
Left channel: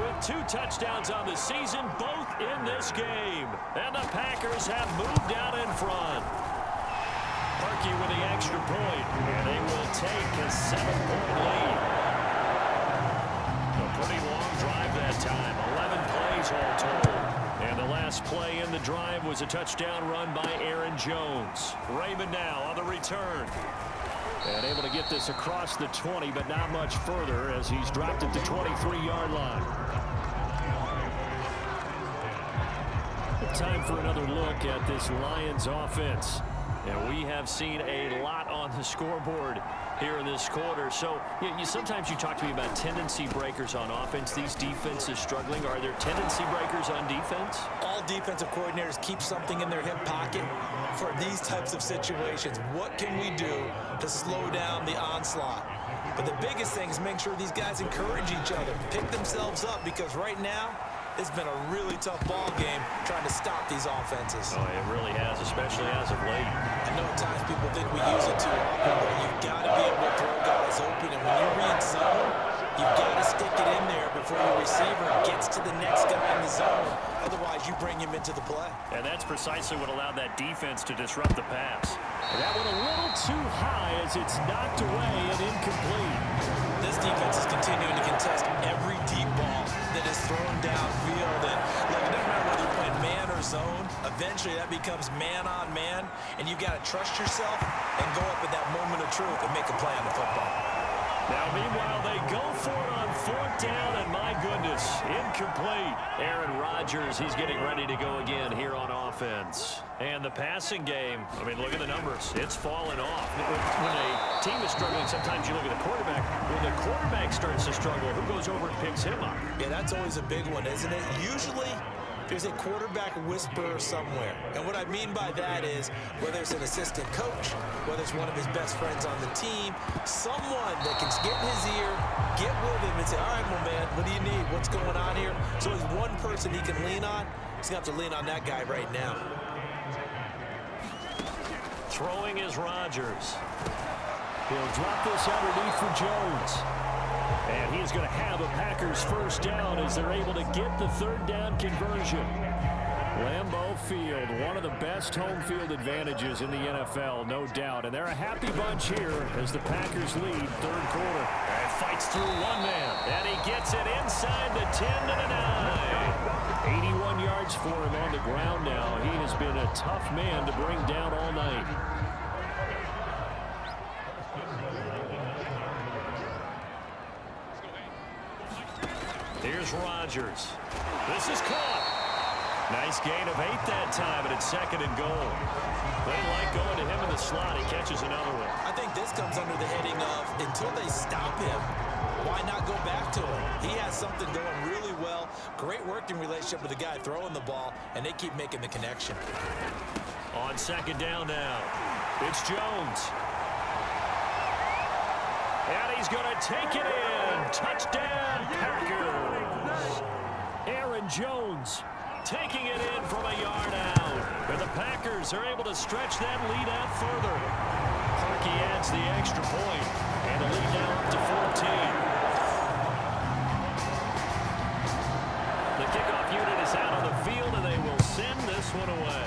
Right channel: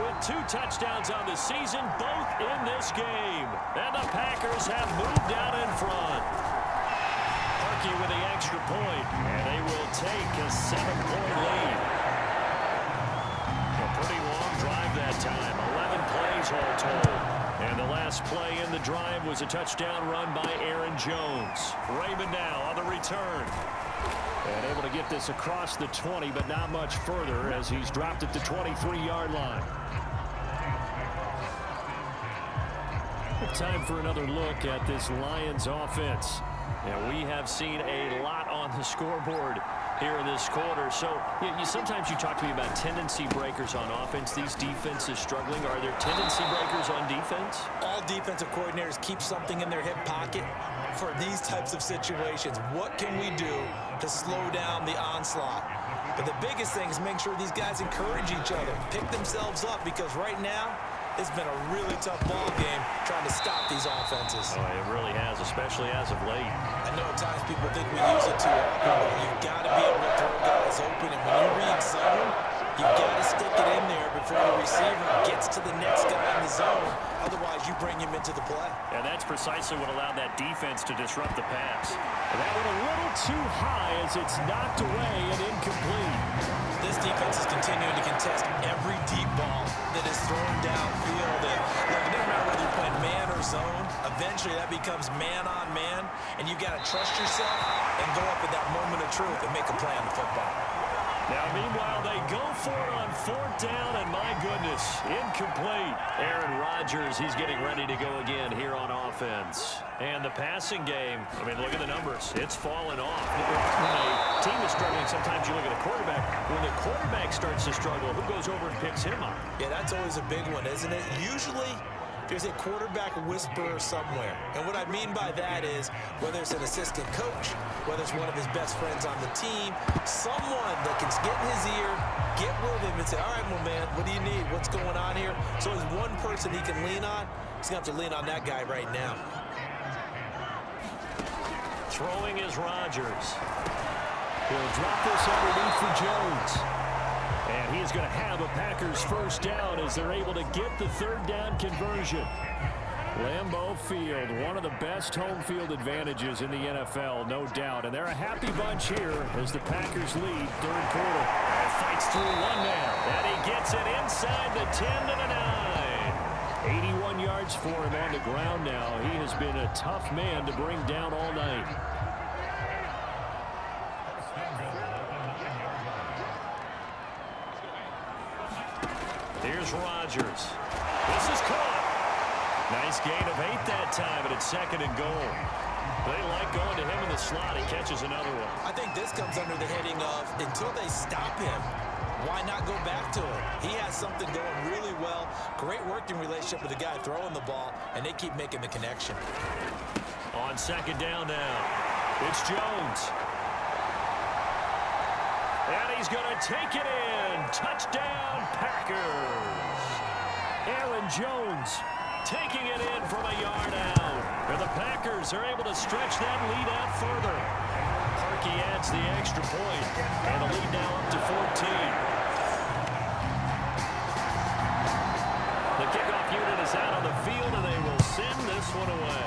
with 2 touchdowns on the season, both in this game. And the Packers have moved out in front. Parkey with the extra point, and they will take a 7-point lead. A pretty long drive that time, 11 plays all told. And the last play in the drive was a touchdown run by Aaron Jones. Raymond now on the return. And able to get this across the 20, but not much further as he's dropped at the 23-yard line. Time for another look at this Lions offense. And we have seen a lot on the scoreboard here in this quarter. So sometimes you talk to me about tendency breakers on offense. These defenses struggling. Are there tendency breakers on defense? All defensive coordinators keep something in their hip pocket for these types of situations. What can we do to slow down the onslaught? But the biggest thing is make sure these guys encourage each other, pick themselves up, because right now it's been a really tough ball game trying to stop these offenses. Oh, it really has, especially as of late. I know at times people think we use it too often, but you've got to be able to throw guys open. And when you read zone, you've got to stick it in there before your receiver gets to the next guy in the zone. Otherwise, you bring him into the play. And that's precisely what allowed that defense to disrupt the pass. And that went a little too high as it's knocked away and incomplete. This defense is continuing to contest every deep ball that is thrown downfield. And look, it doesn't matter whether you're playing man or zone. Eventually, that becomes man on man, and you've got to trust yourself and go up at that moment of truth and make a play on the football. Now, meanwhile, they go for it on 4th down, and my goodness, this. Incomplete. Aaron Rodgers, he's getting ready to go again here on offense. And the passing game, I mean, look at the numbers. It's fallen off. When a team is struggling, sometimes you look at the quarterback. When the quarterback starts to struggle, who goes over and picks him up? Yeah, that's always a big one, isn't it? Usually, there's a quarterback whisperer somewhere. And what I mean by that is, whether it's an assistant coach, whether it's one of his best friends on the team, someone that can get in his ear, get with him and say, all right, well, man, what do you need? What's going on here? So there's one person he can lean on. He's going to have to lean on that guy right now. Throwing is Rodgers. He'll drop this underneath for Jones. And he is going to have a Packers first down as they're able to get the third down conversion. Lambeau Field, one of the best home field advantages in the NFL, no doubt. And they're a happy bunch here as the Packers lead third quarter. And fights through one man. And he gets it inside the 10 to the 9. 81 yards for him on the ground now. He has been a tough man to bring down all night. Here's Rodgers. This is caught. Nice gain of 8 that time, but it's second and goal. They like going to him in the slot. He catches another one. I think this comes under the heading of, until they stop him, why not go back to him? He has something going really well. Great working relationship with the guy throwing the ball, and they keep making the connection. On second down now, it's Jones. And he's going to take it in. Touchdown, Packers. Aaron Jones taking it in from a yard out. And the Packers are able to stretch that lead out further. Parkey adds the extra point, and the lead now up to 14. The kickoff unit is out on the field, and they will send this one away.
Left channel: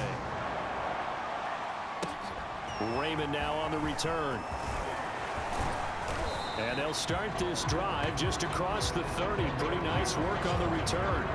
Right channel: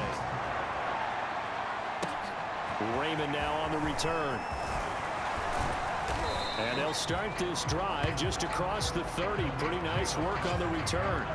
Raymond now on the return. And they'll start this drive just across the 30. Pretty nice work on the return.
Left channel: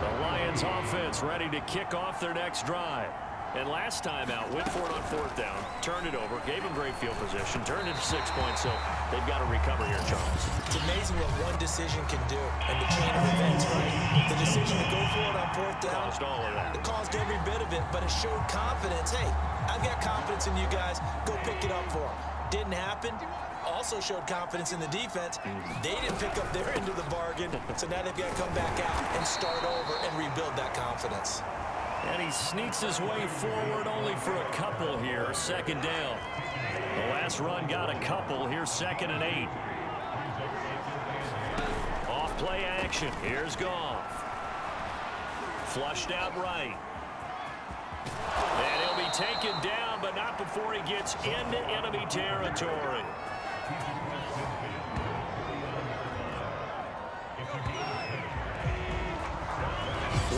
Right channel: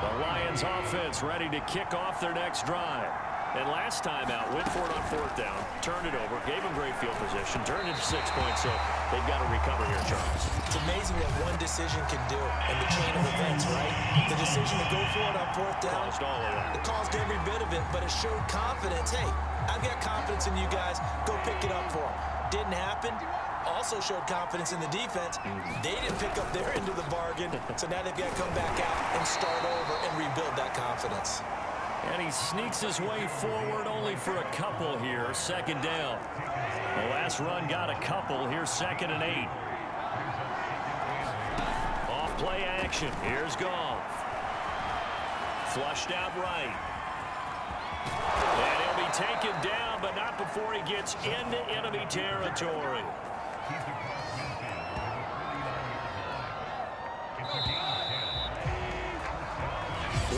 The Lions offense ready to kick off their next drive. And last time out, went for it on fourth down, turned it over, gave them great field position, turned it to 6 points, so they've got to recover here, Charles. It's amazing what one decision can do in the chain of events, right? The decision to go for it on fourth down. Caused all of that. It caused every bit of it, but it showed confidence. Hey, I've got confidence in you guys. Go pick it up for them. Didn't happen. Also showed confidence in the defense. They didn't pick up their end of the bargain, so now they've got to come back out and start over and rebuild that confidence. And he sneaks his way forward only for a couple here. Second down. The last run got a couple. Here's second and 8. Off play action. Here's Goff. Flushed out right. And he'll be taken down, but not before he gets into enemy territory.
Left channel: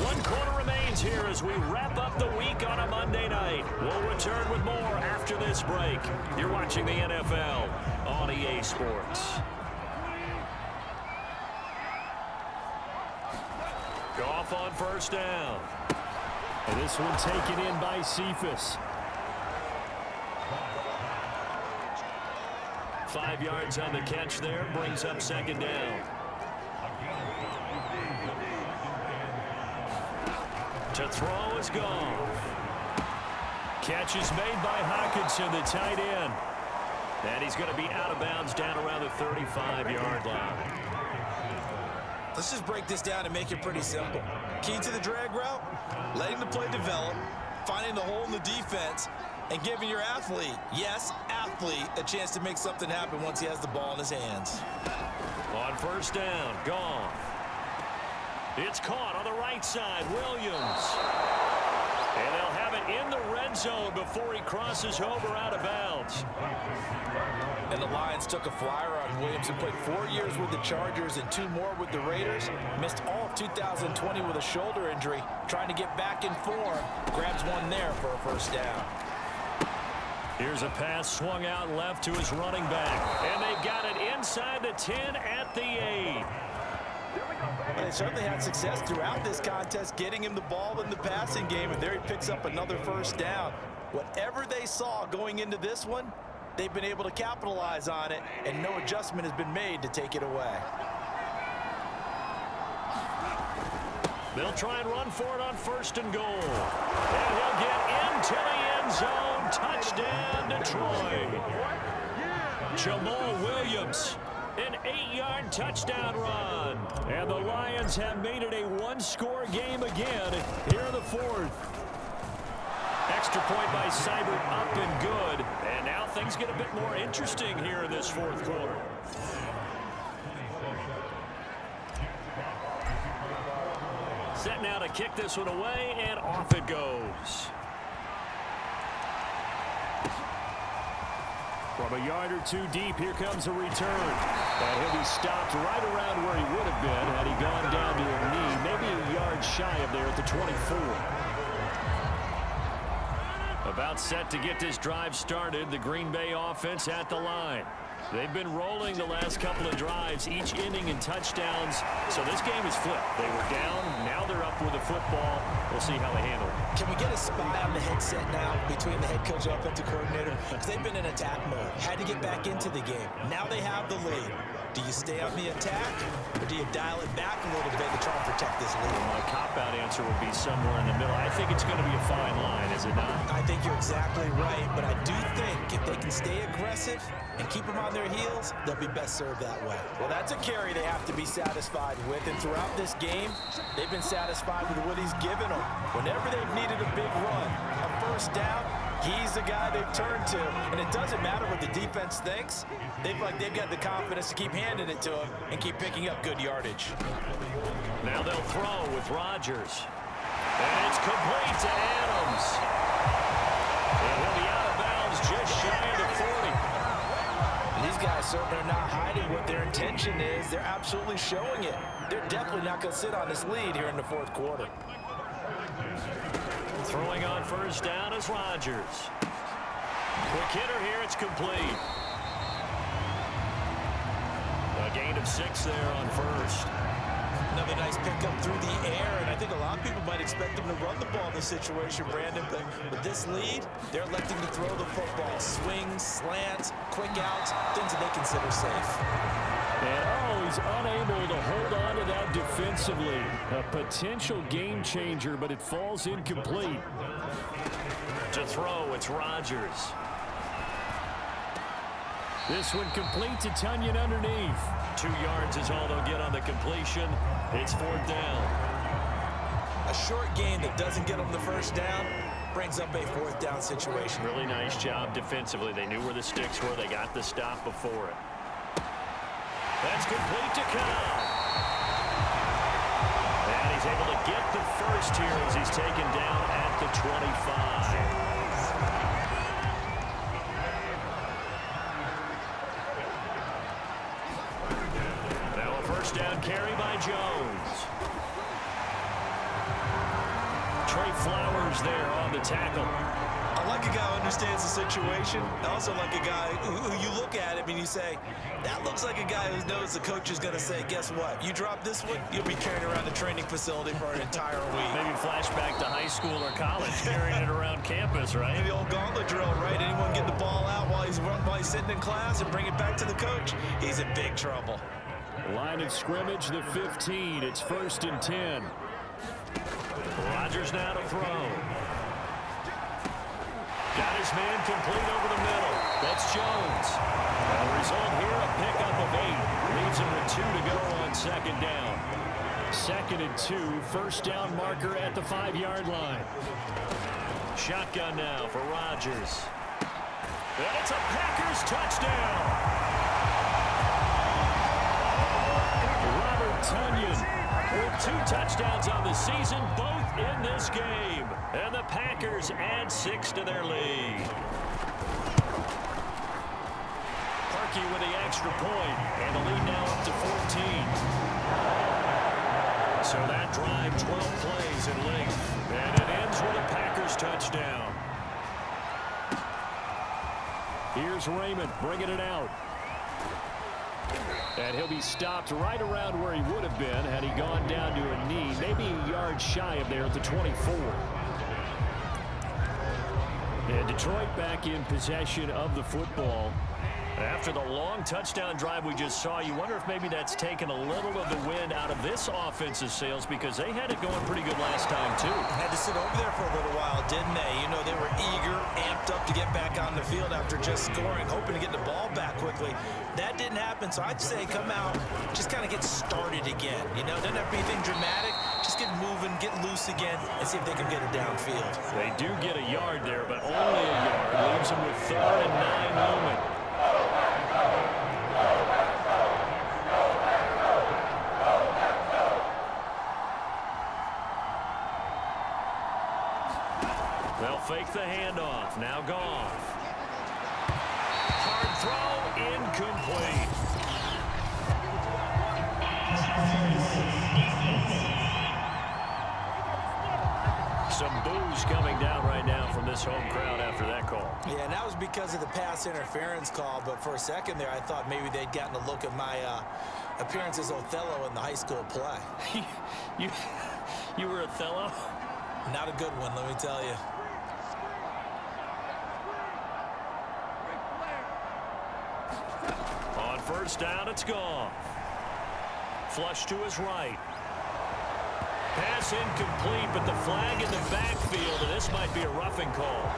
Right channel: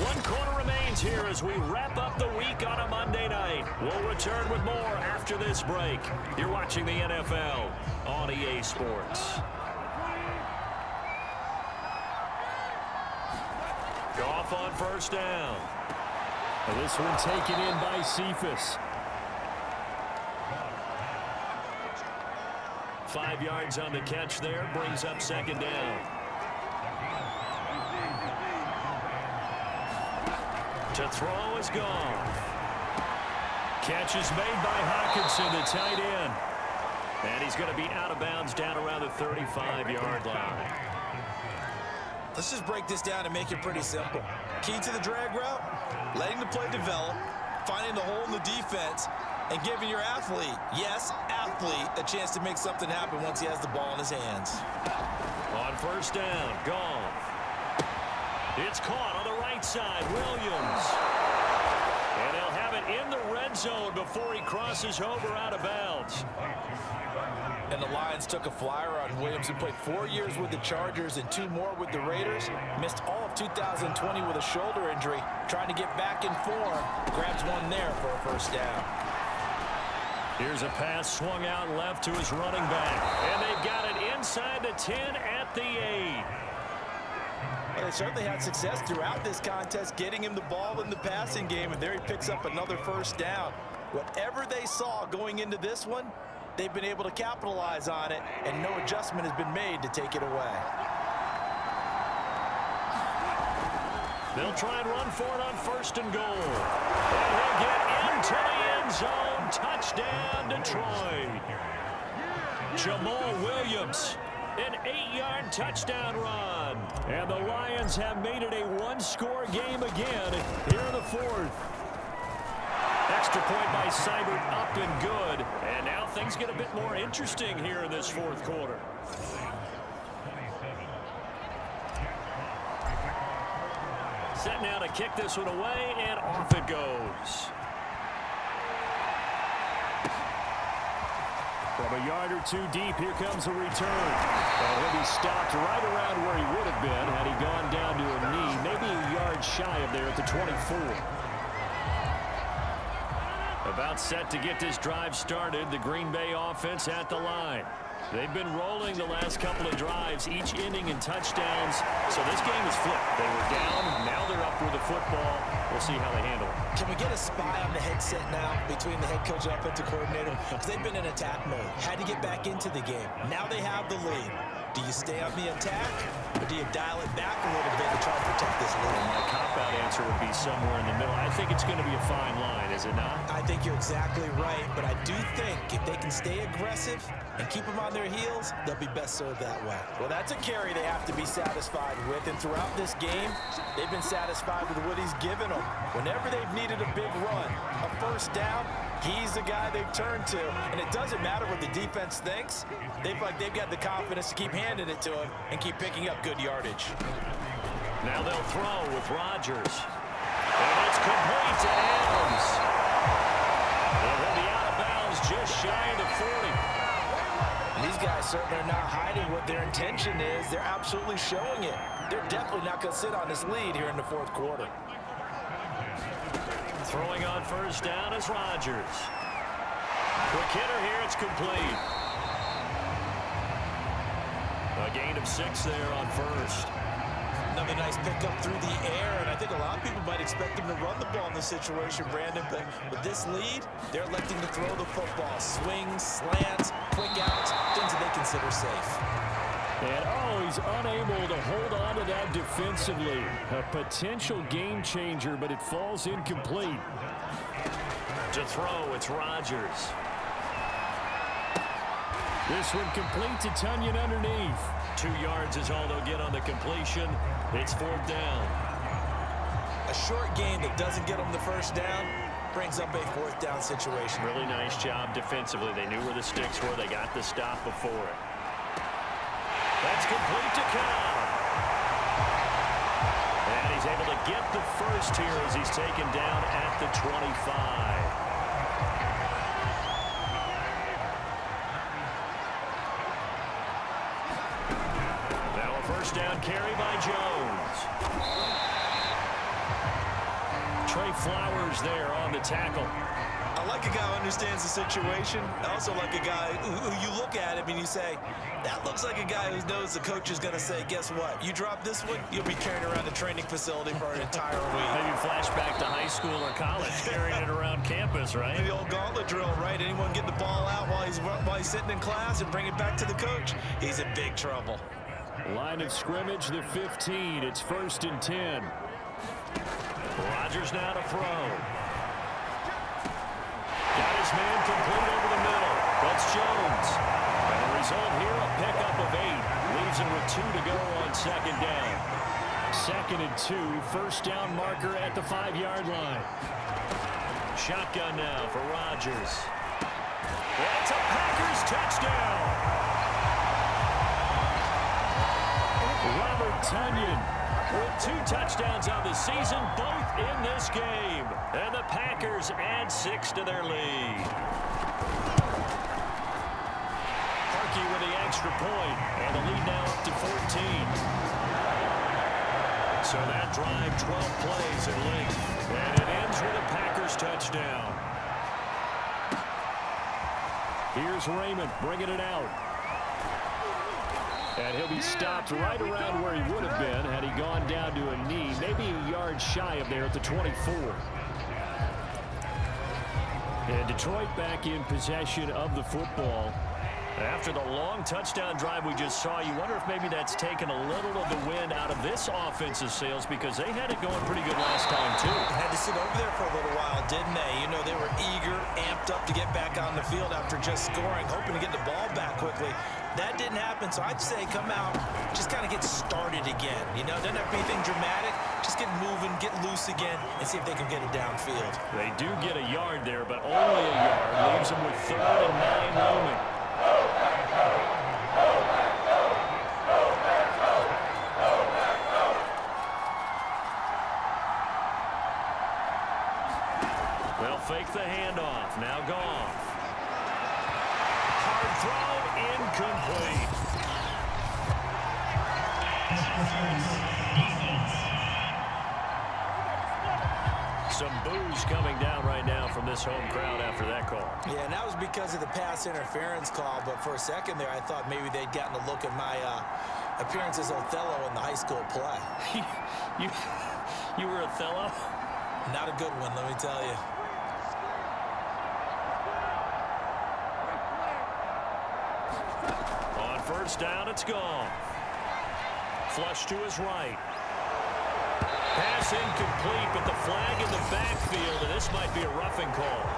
One quarter remains here as we wrap up the week on a Monday night. We'll return with more after this break. You're watching the NFL on EA Sports. Goff on first down. And this one taken in by Cephas. 5 yards on the catch there, brings up second down. To throw is Goff. Catch is made by Hockenson, the tight end. And he's going to be out of bounds down around the 35-yard line. Let's just break this down and make it pretty simple. Key to the drag route, letting the play develop, finding the hole in the defense, and giving your athlete, yes, athlete, a chance to make something happen once he has the ball in his hands. On first down, Goff. It's caught on the right side, Williams. And they'll have it in the red zone before he crosses over out of bounds. And the Lions took a flyer on Williams, who played 4 years with the Chargers and 2 more with the Raiders. Missed all of 2020 with a shoulder injury. Trying to get back in form. Grabs one there for a first down. Here's a pass swung out left to his running back. And they've got it inside the 10 at the 8. Well, they certainly had success throughout this contest, getting him the ball in the passing game, and there he picks up another first down. Whatever they saw going into this one, they've been able to capitalize on it, and no adjustment has been made to take it away. They'll try and run for it on 1st and goal. And he'll get into the end zone. Touchdown, Detroit. Jamal Williams, an 8-yard touchdown run. And the Lions have made it a one-score game again here in the 4th. Extra point by Seibert, up and good. And now things get a bit more interesting here in this 4th quarter. Set now to kick this one away, and off it goes. From a yard or two deep, here comes a return. And he'll be stopped right around where he would have been had he gone down to a knee, maybe a yard shy of there at the 24. About set to get this drive started, the Green Bay offense at the line. They've been rolling the last couple of drives, each inning in touchdowns. So this game is flipped. They were down, now they're up with the football. We'll see how they handle it. Can we get a spy on the headset now between the head coach and offensive coordinator? Because they've been in attack mode. Had to get back into the game. Now they have the lead. Do you stay on the attack, or do you dial it back a little bit to try and protect this lead? Well, my cop-out answer would be somewhere in the middle. I think it's going to be a fine line, is it not? I think you're exactly right, but I do think if they can stay aggressive and keep them on their heels, they'll be best served that way. Well, that's a carry they have to be satisfied with, and throughout this game, they've been satisfied with what he's given them. Whenever they've needed a big run, a first down, he's the guy they've turned to, and it doesn't matter what the defense thinks. They've got the confidence to keep handing it to him and keep picking up good yardage. Now they'll throw with Rodgers. And it's complete to Adams. And he'll be out of bounds just shy of the 40. And these guys certainly are not hiding what their intention is. They're absolutely showing it. They're definitely not going to sit on this lead here in the 4th quarter. Throwing on first down is Rodgers. Quick hitter here, it's complete. A gain of 6 there on first. Another nice pickup through the air, and I think a lot of people might expect them to run the ball in this situation, Brandon, but with this lead, they're electing to throw the football. Swings, slants, quick outs, things that they consider safe. And, he's unable to hold on to that defensively. A potential game changer, but it falls incomplete. To throw, it's Rodgers. This one complete to Tunyon underneath. 2 yards is all they'll get on the completion. It's 4th down. A short game that doesn't get them the first down brings up a 4th down situation. Really nice job defensively. They knew where the sticks were. They got the stop before it. That's complete to Cobb. And he's able to get the first here as he's taken down at the 25. First down carry by Jones. Trey Flowers there on the tackle. I like a guy who understands the situation. I also like a guy who you look at him and you say, that looks like a guy who knows the coach is going to say, guess what? You drop this one, you'll be carrying around the training facility for an entire week. Maybe flashback to high school or college, carrying it around campus, right? The old gauntlet drill, right? Anyone get the ball out while he's sitting in class and bring it back to the coach, he's in big trouble. Line of scrimmage, the 15. It's 1st and 10. Rodgers now to throw. Got his man complete over the middle. That's Jones. And the result here, a pickup of 8. Leaves him with 2 to go on 2nd down. 2nd and 2. First down marker at the 5-yard line. Shotgun now for Rodgers. And it's a Packers touchdown. Robert Tunyon with 2 touchdowns on the season, both in this game. And the Packers add 6 to their lead. Parkey with the extra point, and the lead now up to 14. So that drive, 12 plays in length, and it ends with a Packers touchdown. Here's Raymond bringing it out. And he'll be stopped right around where he would have been had he gone down to a knee, maybe a yard shy of there at the 24. And Detroit back in possession of the football. After the long touchdown drive we just saw, you wonder if maybe that's taken a little of the wind out of this offensive sails, because they had it going pretty good last time, too. Had to sit over there for a little while, didn't they? You know, they were eager, amped up to get back on the field after just scoring, hoping to get the ball back quickly. That didn't happen, so I'd say come out, just kind of get started again. You know, doesn't have to be anything dramatic. Just get moving, get loose again, and see if they can get it downfield. They do get a yard there, but only a yard. Leaves them with 3rd and 9 looming. They'll fake the handoff. Now Goff. Hard throw, incomplete. Some boos coming down right now from this home crowd after that call. Yeah, and that was because of the pass interference call, but for a second there I thought maybe they'd gotten a look at my appearance as Othello in the high school play. You were Othello? Not a good one, let me tell you. On 1st down, it's Goff. Flush to his right. Pass incomplete, but the flag in the backfield, and this might be a roughing call.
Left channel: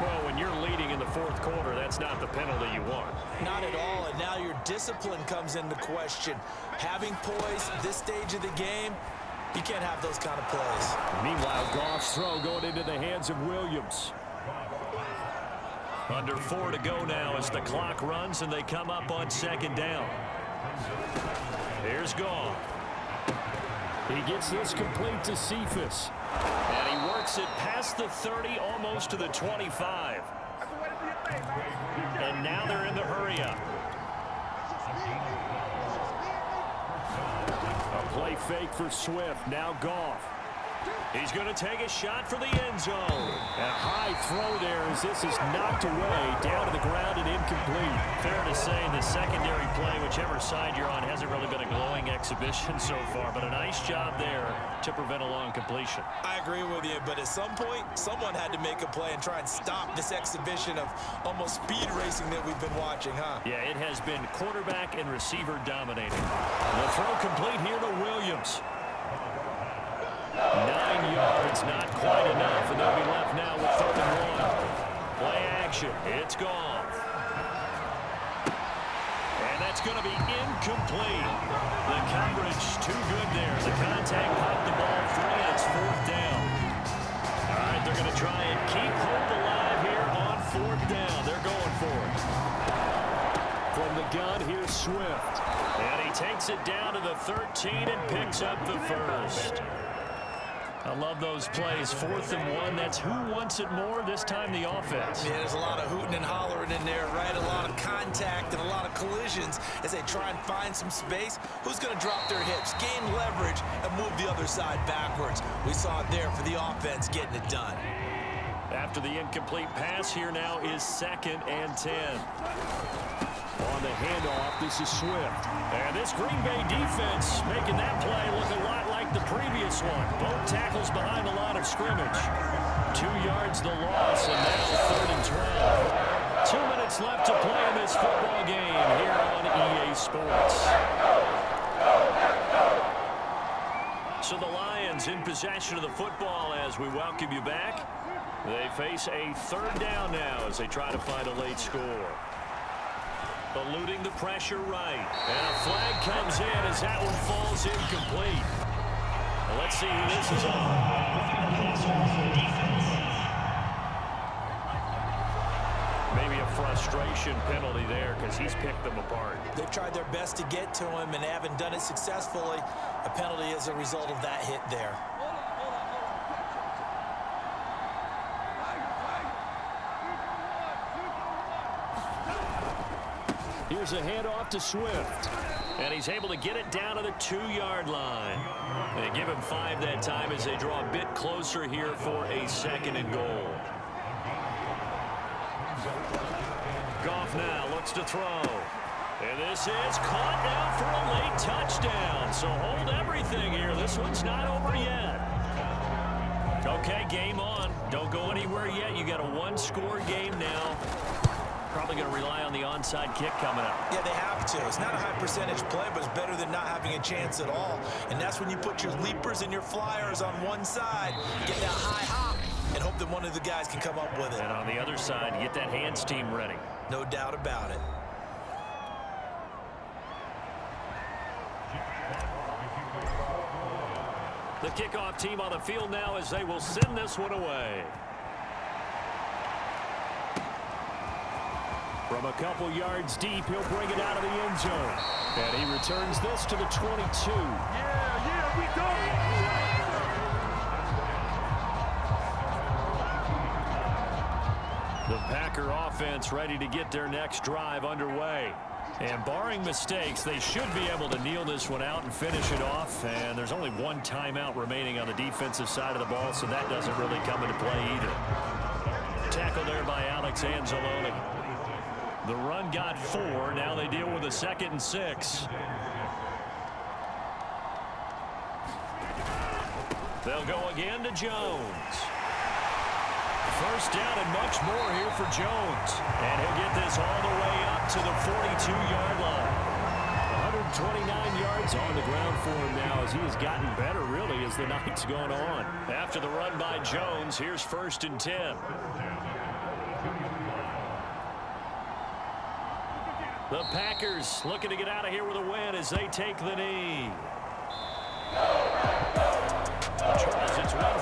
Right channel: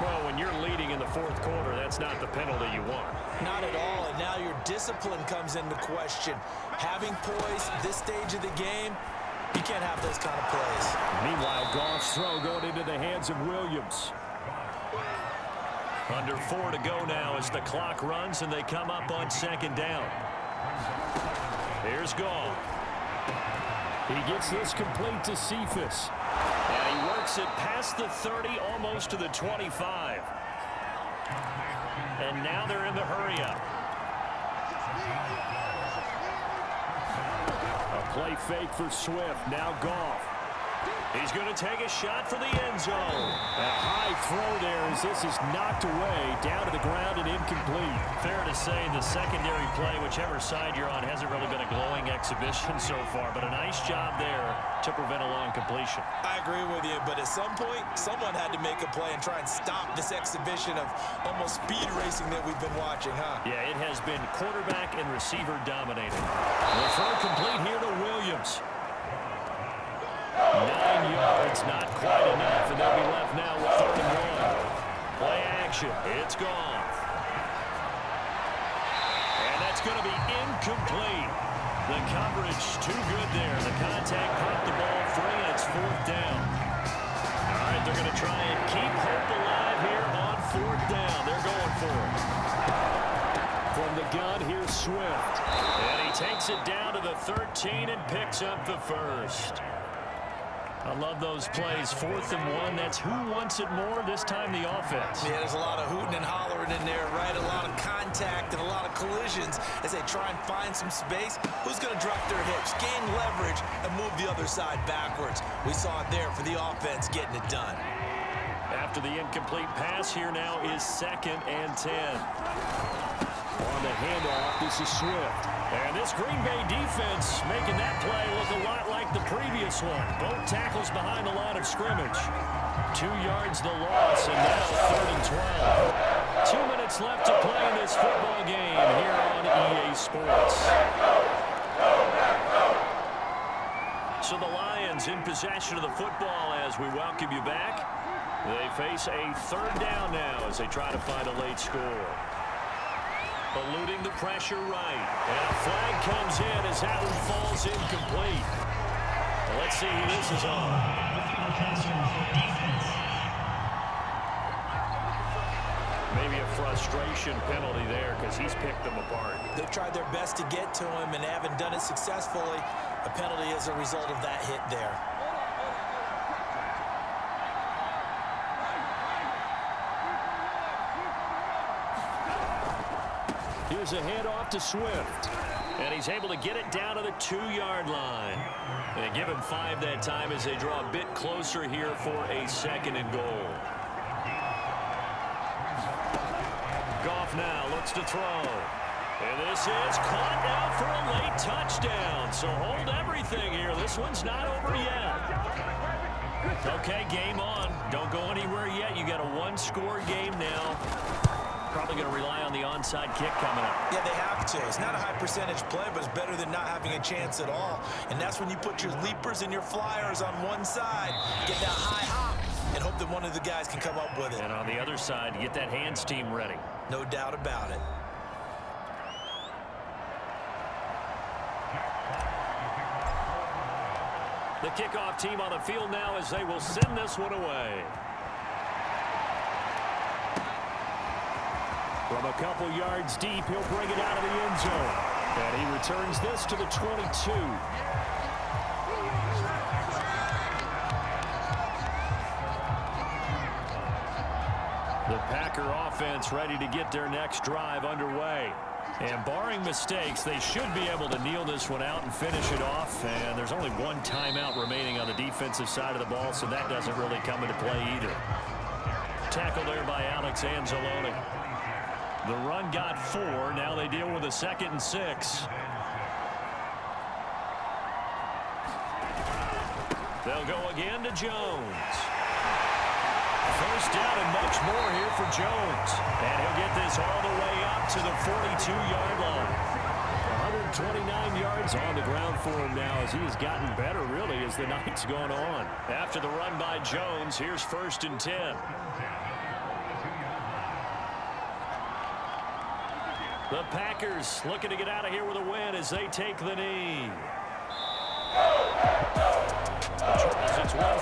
Well, when you're leading in the 4th quarter, that's not the penalty you want. Not at all, and now your discipline comes into question. Having poise this stage of the game, you can't have those kind of plays. Meanwhile, Goff's throw going into the hands of Williams. Under 4 to go now as the clock runs and they come up on 2nd down. Here's Goff. He gets this complete to Cephas. And he works it past the 30, almost to the 25. And now they're in the hurry-up. A play fake for Swift. Now Goff. He's going to take a shot for the end zone. A high throw there as this is knocked away, down to the ground and incomplete. Fair to say the secondary play, whichever side you're on, hasn't really been a glowing exhibition so far, but a nice job there to prevent a long completion. I agree with you, but at some point, someone had to make a play and try and stop this exhibition of almost speed racing that we've been watching, huh? Yeah, it has been quarterback and receiver dominating. The throw complete here to Williams. 9 yards, not quite enough, and they'll be left now with 3rd and 1. Play action. It's Goff. And that's going to be incomplete. The coverage too good there. The contact popped the ball free, and it's 4th down. All right, they're going to try and keep hope alive here on 4th down. They're going for it. From the gun, here's Swift. And he takes it down to the 13 and picks up the 1st. I love those plays. 4th and 1. That's who wants it more. This time the offense. Yeah, there's a lot of hooting and hollering in there, right? A lot of contact and a lot of collisions as they try and find some space. Who's going to drop their hips, gain leverage, and move the other side backwards? We saw it there for the offense getting it done. After the incomplete pass, here now is 2nd and 10. On the handoff, this is Swift. And this Green Bay defense making that play look a lot like the previous one. Both tackles behind the line of scrimmage. 2 yards the loss, and now 3rd and 12. 2 minutes left to play in this football game here on EA Sports. So the Lions in possession of the football as we welcome you back. They face a 3rd down now as they try to find a late score. Eluding the pressure right. And a flag comes in as that one falls incomplete. Well, let's see who this is on. Maybe a frustration penalty there because he's picked them apart. They've tried their best to get to him and haven't done it successfully. A penalty as a result of that hit there. Here's a handoff to Swift. And he's able to get it down to the 2-yard line. They give him 5 that time as they draw a bit closer here for a 2nd and goal. Goff now looks to throw. And this is caught now for a late touchdown. So hold everything here. This one's not over yet. Okay, game on. Don't go anywhere yet. You got a one-score game now. Probably going to rely on the onside kick coming up. Yeah, they have to. It's not a high percentage play, but it's better than not having a chance at all. And that's when you put your leapers and your flyers on one side, get that high hop, and hope that one of the guys can come up with it. And on the other side, get that hands team ready. No doubt about it. The kickoff team on the field now as they will send this one away. From a couple yards deep, he'll bring it out of the end zone. And he returns this to the 22. The Packer offense ready to get their next drive underway. And barring mistakes, they should be able to kneel this one out and finish it off. And there's only one timeout remaining on the defensive side of the ball, so that doesn't really come into play either. Tackle there by Alex Anzalone. The run got 4. Now they deal with a 2nd and 6. They'll go again to Jones. First down and much more here for Jones. And he'll get this all the way up to the 42-yard line. 129 yards on the ground for him now as he has gotten better, really, as the night's gone on. After the run by Jones, here's 1st and 10. The Packers looking to get out of here with a win as they take the knee. Charles, it's 1